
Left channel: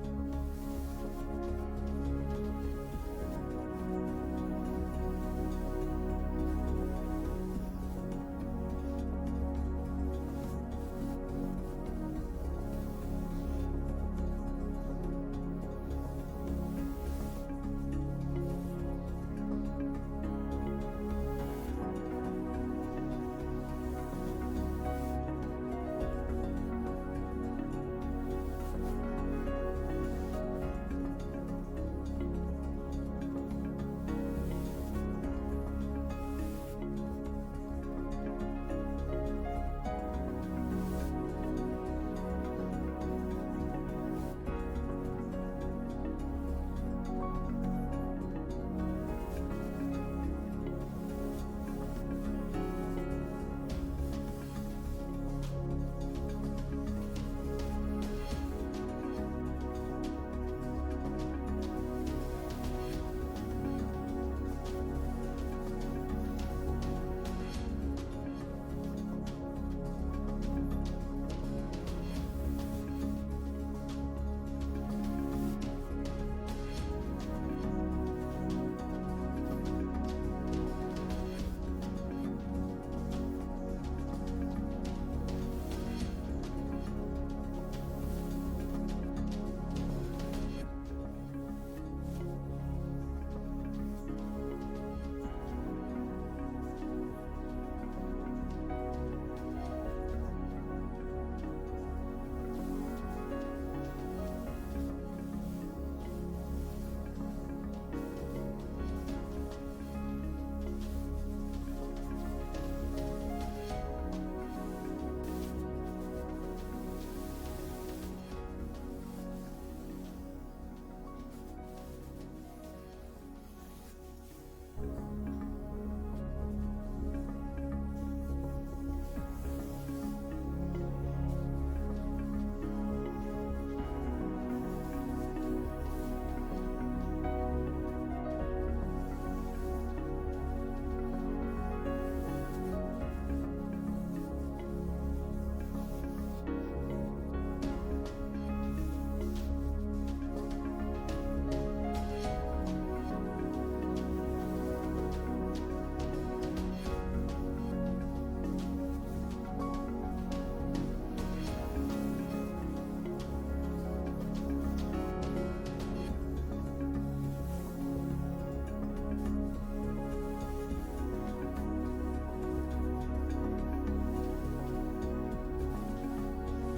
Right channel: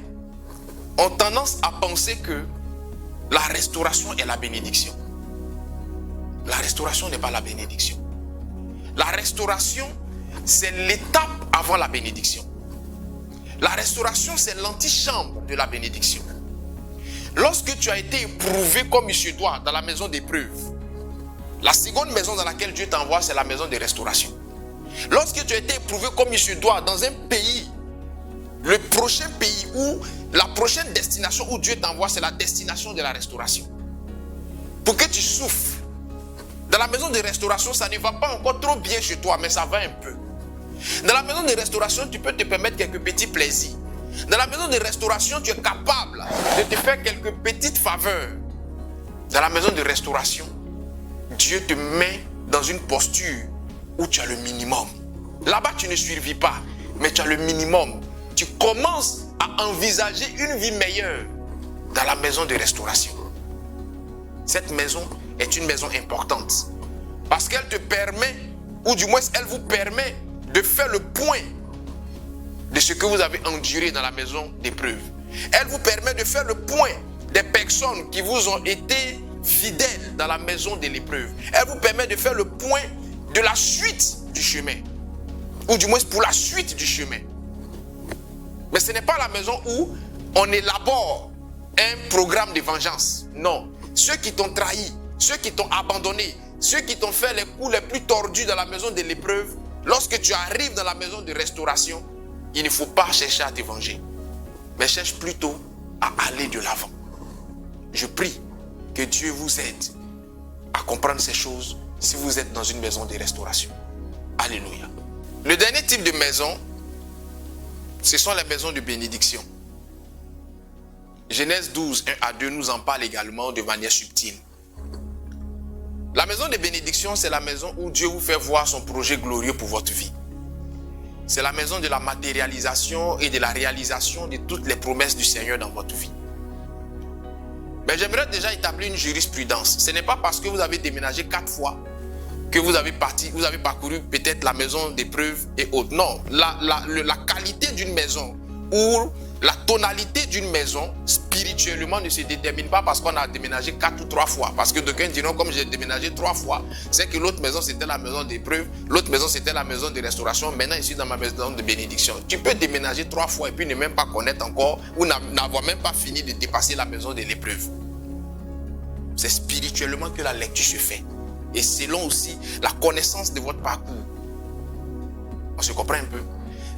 ont tendance à penser que la restauration est la bénédiction. La restauration n'est pas la bénédiction. La restauration, c'est l'étape avant la bénédiction. La restauration, c'est l'antichambre de la bénédiction. Lorsque tu as été éprouvé comme il se doit dans la maison d'épreuve, la seconde maison dans laquelle Dieu t'envoie, c'est la maison de restauration. Lorsque tu as été éprouvé comme il se doit dans un pays, le prochain pays ou la prochaine destination où Dieu t'envoie, c'est la destination de la restauration. Pour que tu souffres. Dans la maison de restauration, ça ne va pas encore trop bien chez toi, mais ça va un peu. Dans la maison de restauration, tu peux te permettre quelques petits plaisirs. Dans la maison de restauration, tu es capable de te faire quelques petites faveurs. Dans la maison de restauration, Dieu te met dans une posture où tu as le minimum. Là-bas, tu ne survis pas, mais tu as le minimum. Tu commences à envisager une vie meilleure dans la maison de restauration. Cette maison est une maison importante parce qu'elle te permet, ou du moins elle vous permet de faire le point de ce que vous avez enduré dans la maison d'épreuve. Elle vous permet de faire le point des personnes qui vous ont été fidèles dans la maison de l'épreuve. Elle vous permet de faire le point de la suite du chemin, ou du moins pour la suite du chemin. Mais ce n'est pas la maison où on élabore un programme de vengeance. Non. Ceux qui t'ont trahi, ceux qui t'ont abandonné, ceux qui t'ont fait les coups les plus tordus dans la maison de l'épreuve, lorsque tu arrives dans la maison de restauration, il ne faut pas chercher à te venger, mais cherche plutôt à aller de l'avant. Je prie que Dieu vous aide à comprendre ces choses si vous êtes dans une maison de restauration. Alléluia. Le dernier type de maison, ce sont les maisons de bénédiction. Genèse 12, 1 à 2 nous en parle également de manière subtile. La maison de bénédiction, c'est la maison où Dieu vous fait voir son projet glorieux pour votre vie. C'est la maison de la matérialisation et de la réalisation de toutes les promesses du Seigneur dans votre vie. Mais j'aimerais déjà établir une jurisprudence. Ce n'est pas parce que vous avez déménagé 4 fois que vous avez parcouru peut-être la maison d'épreuve et autres. Non, la qualité d'une maison ou La tonalité d'une maison, spirituellement, ne se détermine pas parce qu'on a déménagé 4 ou 3 fois. Parce que d'aucuns diront, comme j'ai déménagé 3 fois, c'est que l'autre maison, c'était la maison d'épreuve, l'autre maison, c'était la maison de restauration, maintenant, je suis dans ma maison de bénédiction. Tu peux déménager 3 fois et puis ne même pas connaître encore, ou n'avoir même pas fini de dépasser la maison de l'épreuve. C'est spirituellement que la lecture se fait. Et selon aussi la connaissance de votre parcours. On se comprend un peu.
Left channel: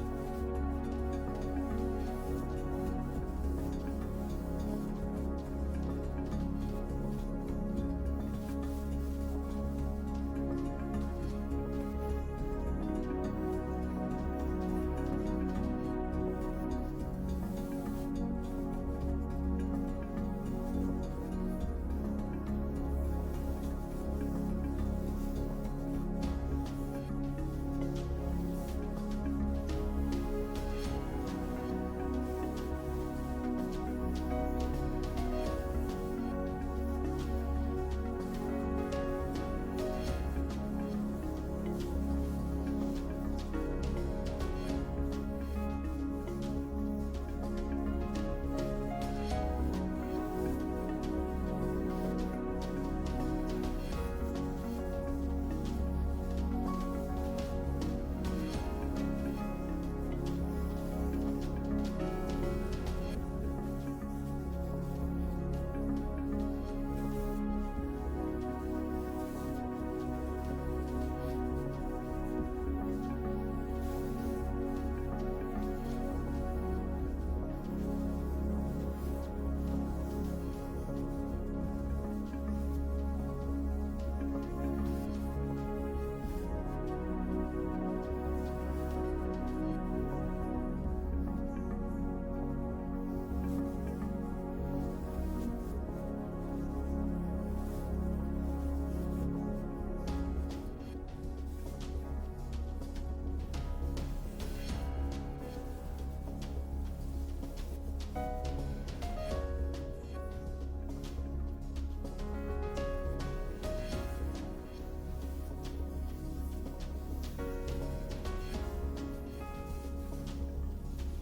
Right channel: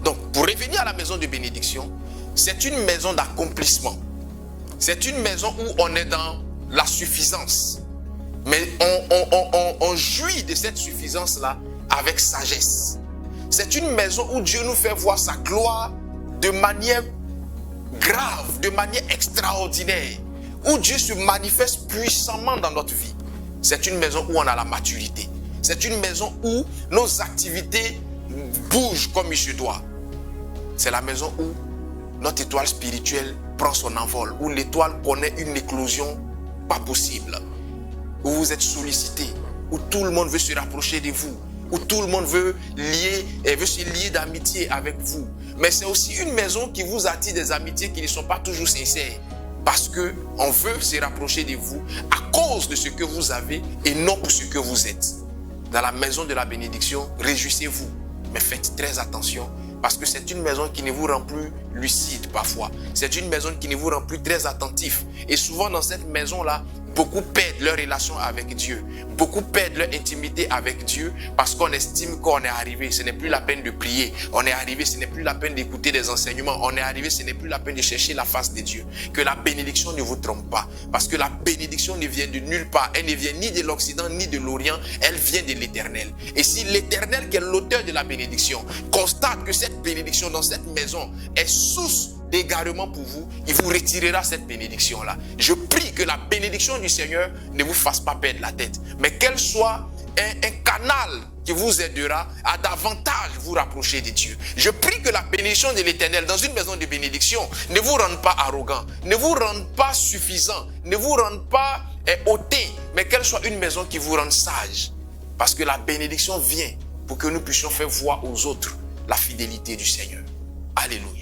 Donc, pour revenir à la maison de bénédiction, c'est une maison d'accomplissement. C'est une maison où on est dans la suffisance. Mais on jouit de cette suffisance-là avec sagesse. C'est une maison où Dieu nous fait voir sa gloire de manière grave, de manière extraordinaire. Où Dieu se manifeste puissamment dans notre vie. C'est une maison où on a la maturité. C'est une maison où nos activités bougent comme il se doit. C'est la maison où notre étoile spirituelle prend son envol, où l'étoile connaît une éclosion pas possible, où vous êtes sollicité, où tout le monde veut se rapprocher de vous, où tout le monde veut se lier d'amitié avec vous. Mais c'est aussi une maison qui vous attire des amitiés qui ne sont pas toujours sincères, parce qu'on veut se rapprocher de vous à cause de ce que vous avez et non pour ce que vous êtes. Dans la maison de la bénédiction, réjouissez-vous, mais faites très attention. Parce que c'est une maison qui ne vous rend plus lucide parfois. C'est une maison qui ne vous rend plus très attentif. Et souvent dans cette maison-là, beaucoup perdent leur relation avec Dieu. Beaucoup perdent leur intimité avec Dieu parce qu'on estime qu'on est arrivé. Ce n'est plus la peine de prier. On est arrivé, ce n'est plus la peine d'écouter des enseignements. On est arrivé, ce n'est plus la peine de chercher la face de Dieu. Que la bénédiction ne vous trompe pas. Parce que la bénédiction ne vient de nulle part. Elle ne vient ni de l'Occident ni de l'Orient. Elle vient de l'Éternel. Et si l'Éternel, qui est l'auteur de la bénédiction, constate que cette bénédiction dans cette maison est source d'égarement pour vous, il vous retirera cette bénédiction-là. Je prie que la bénédiction du Seigneur ne vous fasse pas perdre la tête, mais qu'elle soit un canal qui vous aidera à davantage vous rapprocher de Dieu. Je prie que la bénédiction de l'Éternel dans une maison de bénédiction ne vous rende pas arrogant, ne vous rende pas suffisant, ne vous rende pas hautain, mais qu'elle soit une maison qui vous rende sage. Parce que la bénédiction vient pour que nous puissions faire voir aux autres la fidélité du Seigneur. Alléluia.